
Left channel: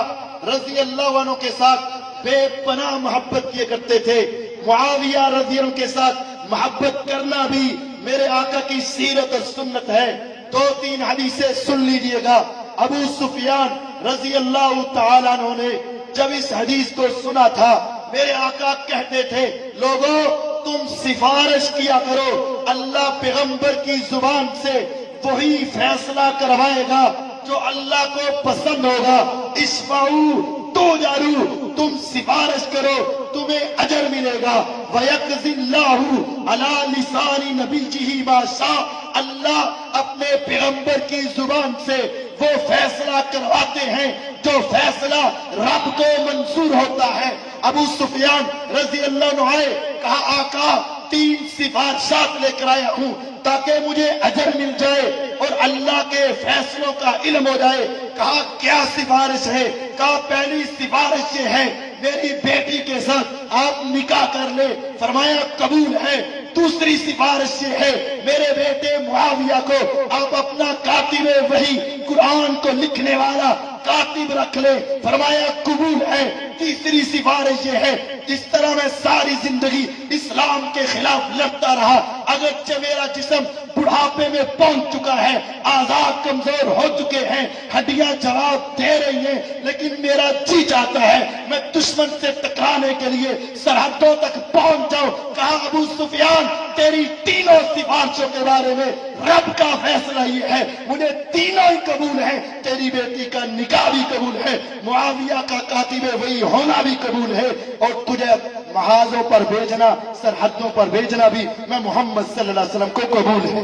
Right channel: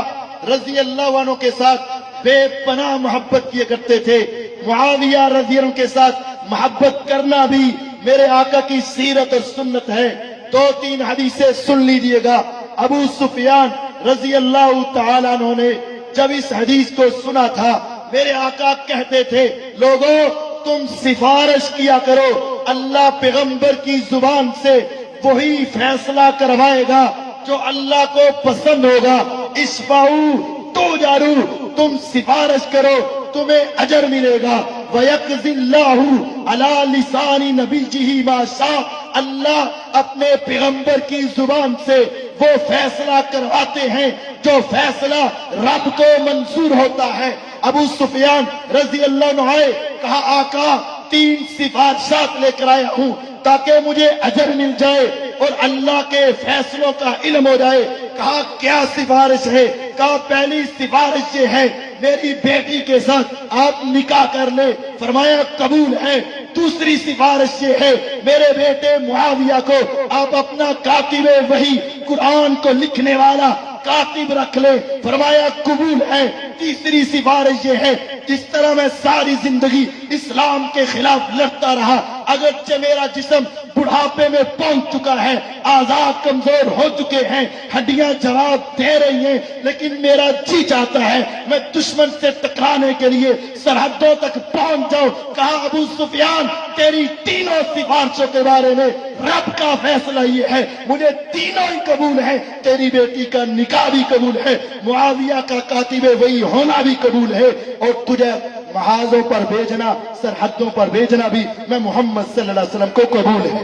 رضی اللہ عنہ کے ساتھ بے پناہ محبت کیا کرتے تھے۔ معاویہ رضی اللہ عنہ کے ساتھ محبت کرنا بھی میرے آقا کی سیرت اور سنت ہے۔ دو تین حدیثیں سن لیجئے گا۔ ابو سفیان رضی اللہ تعالیٰ عنہ نے جب اس حدیث کو سنا تھا، میرے آقا کہتے تھے لوگوں تم سفارش کیا کرو، اللہ پیغمبر کی زبان سے وہی فیصلہ کروائے گا جو اللہ کو پسند ہوگا۔ اشفعوا تؤجروا، تم سفارش کرو تمہیں اجر ملے گا۔ وَيَقْضِي اللَّهُ عَلَى لِسَانِ نَبِيِّهِ مَا شَاءَ، اللہ اپنے پیغمبر کی زبان سے وہ فیصلہ کرواتے ہیں جو فیصلہ رب کو منظور ہوتا ہے۔ ابو سفیان رضی اللہ عنہ آئے، کہا آقا 3 سفارشات لے کر آیا ہوں تاکہ مجھے اجر مل جائے اور اللہ کے فیصلوں کا علم ہو جائے۔ کہا کیا سفارش ہے؟ کہا پہلی سفارش یہ ہے میری بیٹی کے ساتھ آپ نکاح کر لیں۔ فرمایا قبول ہے۔ دوسری سفارش یہ ہے میرے بیٹے معاویہ کو آپ اپنا کاتب وحی قرآن کو لکھنے والا کاتب رکھ لے۔ فرمایا قبول ہے۔ تیسری سفارش یہ ہے جس طرح میں ساری زندگی اسلام کے خلاف لڑتا رہا، اگرچہ میرا جسم بڑھاپے میں پہنچ چکا ہے، آزاد کمزور ہو چکے ہیں، ہڈیاں جواب دے رہی ہیں، لیکن میرا جی چاہتا ہے میں دشمن سے ٹکرانے کے لیے سرحدوں تک پہنچ جاؤں۔ کہا ابو سفیان تیری تینوں سفارشوں کے بارے میں رب کا فیصلہ یہ ہے، مجھے تینوں ہی قبول ہے، تیری بیٹی کا نکاح بھی قبول ہے، معاویہ کا کاتب وہی ہونا بھی قبول ہے، اور تجھے محاذوں پر بھیجنا، سرحدوں پر بھیجنا بھی میں محمد صلی اللہ علیہ وسلم کو قبول ہے۔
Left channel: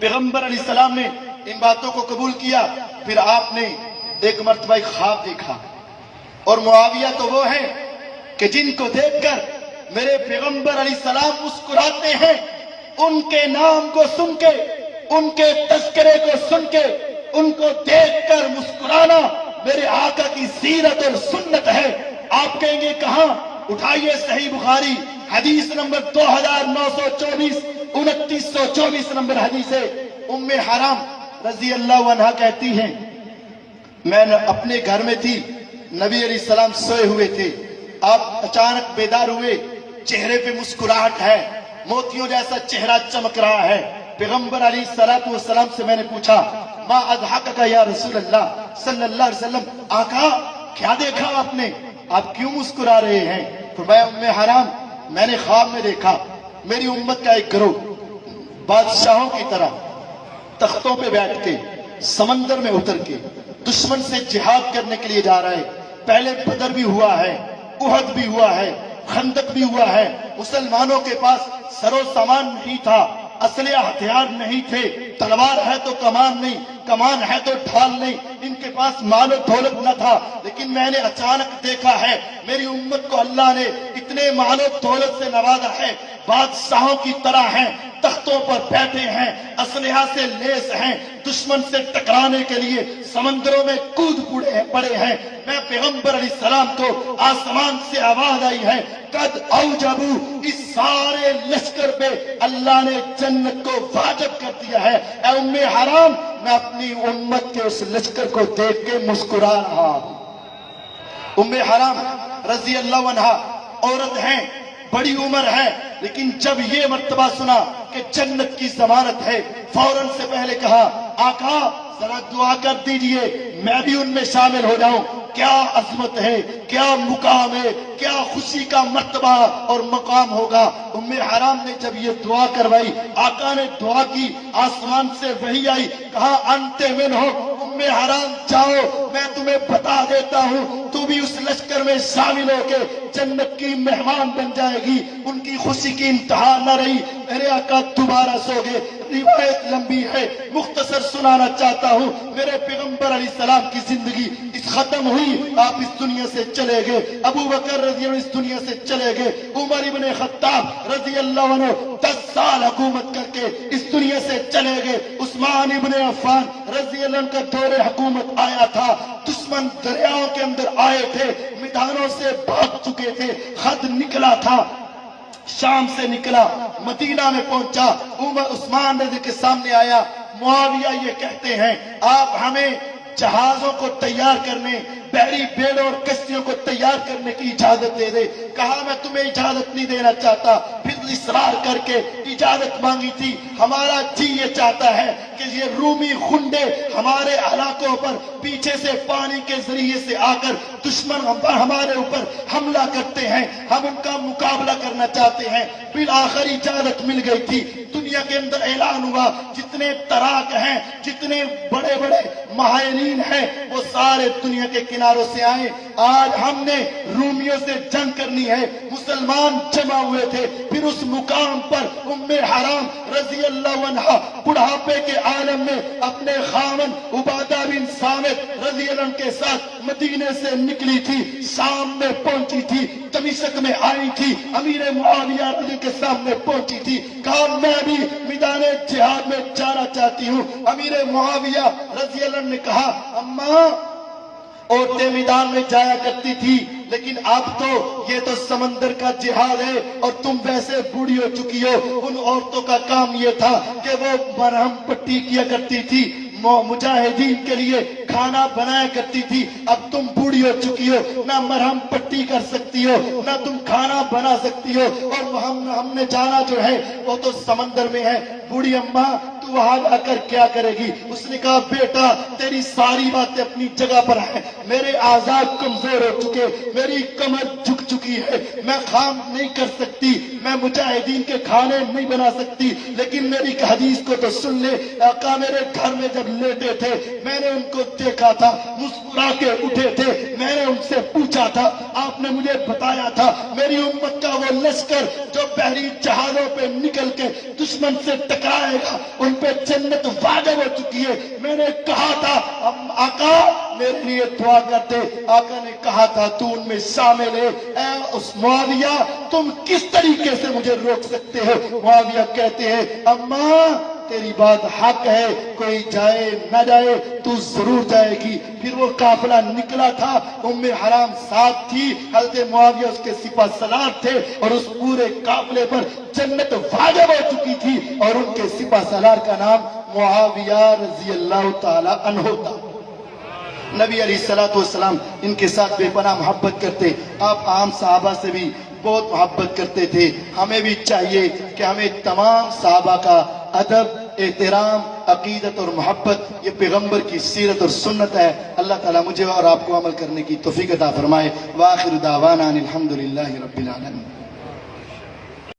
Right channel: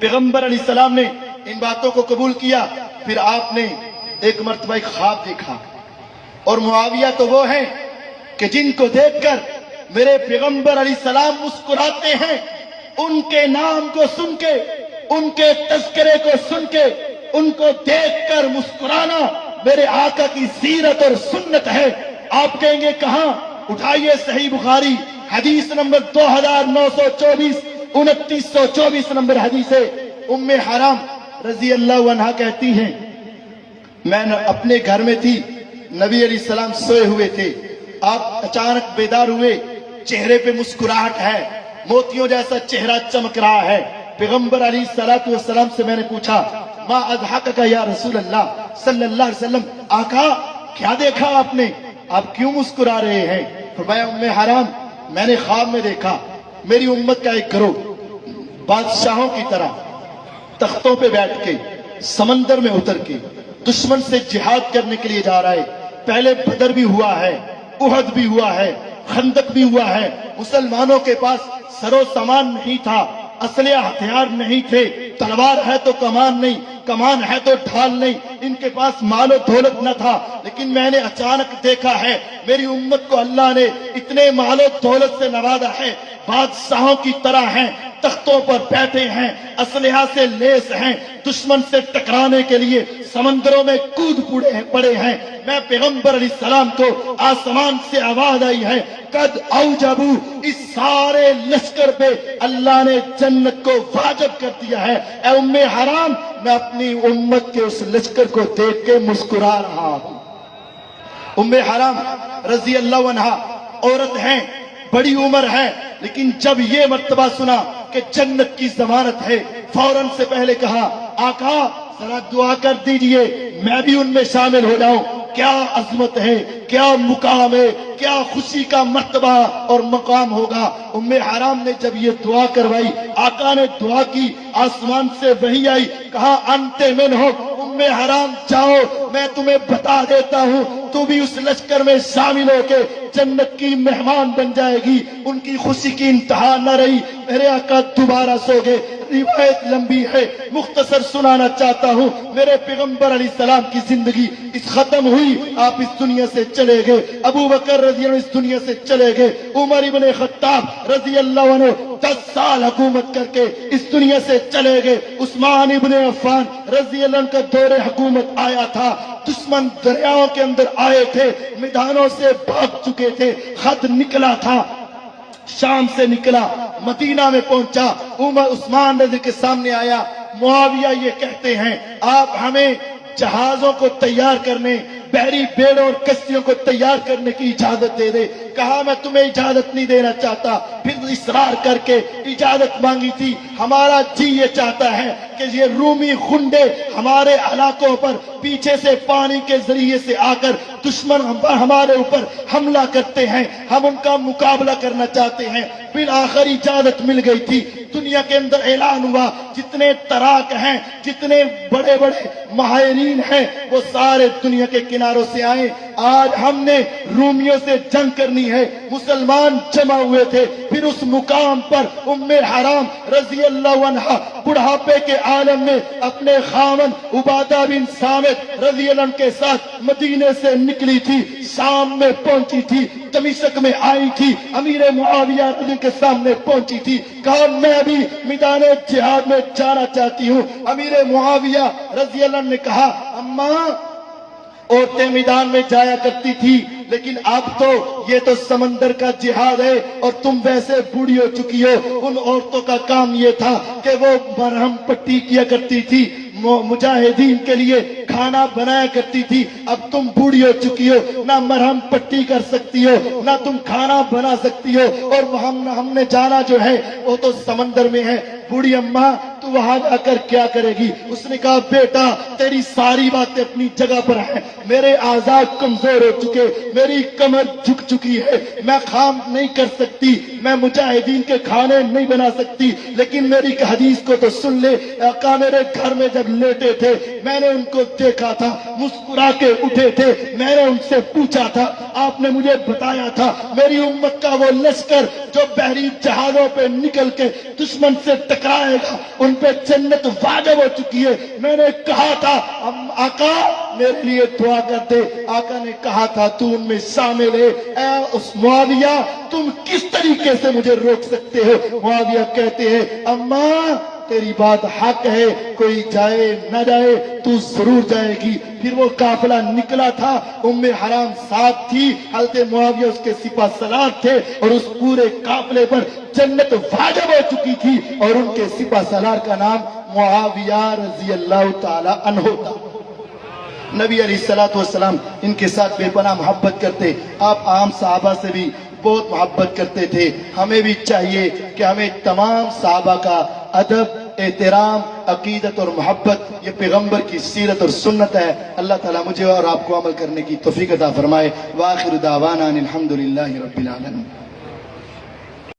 پیغمبر علیہ السلام نے ان باتوں کو قبول کیا۔ پھر آپ نے ایک مرتبہ ایک خواب دیکھا، اور معاویہ تو وہ ہیں کہ جن کو دیکھ کر میرے پیغمبر علیہ السلام مسکراتے ہیں، ان کے نام کو سن کے، ان کے تذکرے کو سن کے، ان کو دیکھ کر مسکرانا میرے آقا کی سیرت اور سنت ہے۔ آپ کہیں گے کہاں؟ اٹھائیے صحیح بخاری حدیث نمبر 2924، 2924 نمبر حدیث ہے۔ ام حرام رضی اللہ عنہا کہتی ہیں میں اپنے گھر میں تھی، نبی علیہ السلام سوئے ہوئے تھے، آپ اچانک بیدار ہوئے، چہرے پہ مسکراہٹ ہے، موتیوں جیسا چہرہ چمک رہا ہے۔ پیغمبر علیہ الصلوۃ والسلام سے میں نے پوچھا ما اضحکک یا رسول اللہ صلی اللہ علیہ وسلم، آقا کیا دیکھا آپ نے، آپ کیوں مسکرا رہے ہیں؟ فرمایا ام حرام میں نے خواب میں دیکھا میری امت کا ایک گروہ بادشاہوں کی طرح تختوں پہ بیٹھ کے سمندر میں اتر کے دشمن سے جہاد کرنے کے لیے جا رہا ہے۔ پہلے بدر بھی ہوا ہے، احد بھی ہوا ہے، خندق بھی ہوا ہے۔ مسلمانوں کے پاس سرو سامان نہیں تھا، اسلحہ ہتھیار نہیں تھے، تلوار ہے تو کمان نہیں، کمان ہے تو ڈھال نہیں، ان کے پاس مال و دولت نہ تھا۔ لیکن میں نے اچانک دیکھا ہے میری امت کو اللہ نے اتنے مال و دولت سے نوازا ہے، بادشاہوں کی طرح ہیں، تختوں پر بیٹھے ہیں، اسلحہ سے لیس ہیں، دشمن سے ٹکرانے کے لیے سمندروں میں کود پڑے ہیں۔ میں پیغمبر علیہ السلام کو آسمان سے آواز آئی ہے قد اوجبو، اس سارے لشکر پہ اللہ نے جنت کو واجب کر دیا ہے۔ اے ام حرام، میں اپنی امت کے اس لشکر کو دیکھ کے مسکرا رہا ہوں۔ ام حرام رضی اللہ عنہا عورت ہیں، بڑی عمر ہے، لیکن جب یہ مرتبہ سنا کہ جنت کی ضمانت ہے، فوراً سے پہلے کہا آقا ذرا دعا کر دیجئے میں بھی ان میں شامل ہو جاؤں۔ کیا عظمت ہے، کیا مقام ہے، کیا خوشی کا مرتبہ اور مقام ہوگا۔ ام حرام نے جب یہ دعا کروائی، آقا نے دعا کی، آسمان سے وحی آئی، کہا انت منہم، ام حرام جاؤ، میں تمہیں بتا دیتا ہوں، تو بھی اس لشکر میں شامل ہو کے جنت کی مہمان بن جائے گی۔ ان کی خوشی کی انتہا نہ رہی، میرے آقا دوبارہ سو گئے۔ روایت لمبی ہے، مختصر سنانا چاہتا ہوں۔ میرے پیغمبر علیہ السلام کی زندگی اس ختم ہوئی، آپ اس دنیا سے چلے گئے۔ ابو بکر رضی اللہ عنہ اس دنیا سے چلے گئے۔ عمر ابن خطاب رضی اللہ عنہ 10 سال حکومت کر کے اس دنیا سے چلے گئے۔ عثمان ابن عفان رضی اللہ عنہ کا دور حکومت آیا تھا، دشمن دریاؤں کے اندر آئے تھے، میدانوں سے بھاگ چکے تھے، خط نکلا تھا، شام سے نکلا، مدینہ میں پہنچا، عمر عثمان رضی کے سامنے آیا۔ معاویہ یہ کہتے ہیں آپ ہمیں جہازوں کو تیار کرنے، بحری بیڑوں اور کشتیوں کو تیار کرنے کی اجازت دے دے۔ کہا میں تمہیں اجازت نہیں دینا چاہتا، پھر اصرار کر کے اجازت مانگی تھی۔ ہمارا جی یہ چاہتا ہے کہ یہ رومی خنڈے ہمارے علاقوں پر پیچھے سے پانی کے ذریعے سے آ کر دشمن ہمارے اوپر حملہ کرتے ہیں، ہم ان کا مقابلہ کرنا چاہتے ہیں۔ پھر آخر اجازت مل گئی تھی۔ دنیا کے اندر اعلان ہوا جتنے تراک ہیں، جتنے بڑے بڑے ماہرین ہیں، وہ سارے دنیا کے کناروں سے آئے۔ آج ہم نے رومیوں سے جنگ کرنی ہے۔ مسلمان جمع ہوئے تھے۔ پھر اس مقام پر ام حرام رضی اللہ عنہا بڑھاپے کے عالم میں اپنے خاوند عبادہ بن صامت رضی اللہ عنہ کے ساتھ مدینے سے نکلی تھی، شام میں پہنچی تھی، دمشق میں آئی تھی، امیر معاویہ رضی کے سامنے پہنچی تھی، کہا میں بھی میدان جہاد میں جانا چاہتی ہوں۔ امیر معاویہ رضی اللہ عنہ نے کہا اماں عورتیں میدان میں جایا کرتی تھی، لیکن اب تو یہ تو سمندر کا جہاد ہے اور تم ویسے بوڑھی ہو چکی ہو۔ ان عورتوں کا کام یہ تھا کہ وہ مرہم پٹی کیا کرتی تھی، مجاہدین کے لیے کھانا بنایا کرتی تھی۔ اب تم بوڑھی ہو چکی ہو، نہ مرہم پٹی کر سکتی ہو، نہ تم کھانا بنا سکتی ہو، اور ہم نے جانا جو ہے وہ تو سمندر میں ہے۔ بوڑھی اماں تو وہاں جا کر کیا کرے گی؟ اس نے کہا بیٹا تیری ساری باتیں اپنی جگہ پر ہیں، میرے اعضاء کمزور ہو چکے، میری کمر جھک چکی ہے، میں کام نہیں کر سکتی، میں مجاہدین کے کھانے نہیں بنا سکتی، لیکن میری حدیث کو تو سن لے۔ آقا میرے گھر میں جب لیٹے تھے میں نے ان کو دیکھا تھا، مسکرا کے اٹھے تھے، میں نے ان سے پوچھا تھا، آپ نے مجھے بتایا تھا میری امت کا وہ لشکر جو بحری جہازوں پہ نکل کے دشمن سے ٹکرائے گا ان پہ جنت واجب ہو چکی ہے۔ میں نے کہا تھا آقا میرے لیے دعا کرتے، آقا نے کہا تھا تو ان میں شامل ہے۔ اے اس معاویہ تم کس طریقے سے مجھے روک سکتے ہو؟ معاویہ کہتے ہیں اماں تیری بات حق ہے، کوئی جائے نہ جائے تو ضرور جائے گی۔ پھر وہ قافلہ نکلا تھا، ام حرام ساتھ تھی، حضرت معاویہ اس کے سپہ سالار تھے، اور اس پورے قافلے پر جنت واجب ہو چکی تھی، اور ان کے سپہ سالار کا نام معاویہ رضی اللہ تعالی عنہ تھا۔ نبی علیہ الصلوۃ والسلام ان کے ساتھ بے پناہ محبت کرتے، آپ عام صحابہ سے بھی بہت محبت کرتے تھے۔ ہمیں بھی چاہیے کہ ہمیں تمام صحابہ کا ادب، احترام، عقیدت اور محبت یہ پیغمبر کی سیرت اور سنت ہے۔ اللہ تعالیٰ مجھے اور آپ کو عمل کرنے کی توفیق عطا فرمائے۔ وآخر دعوانا الحمدللہ رب العالمین۔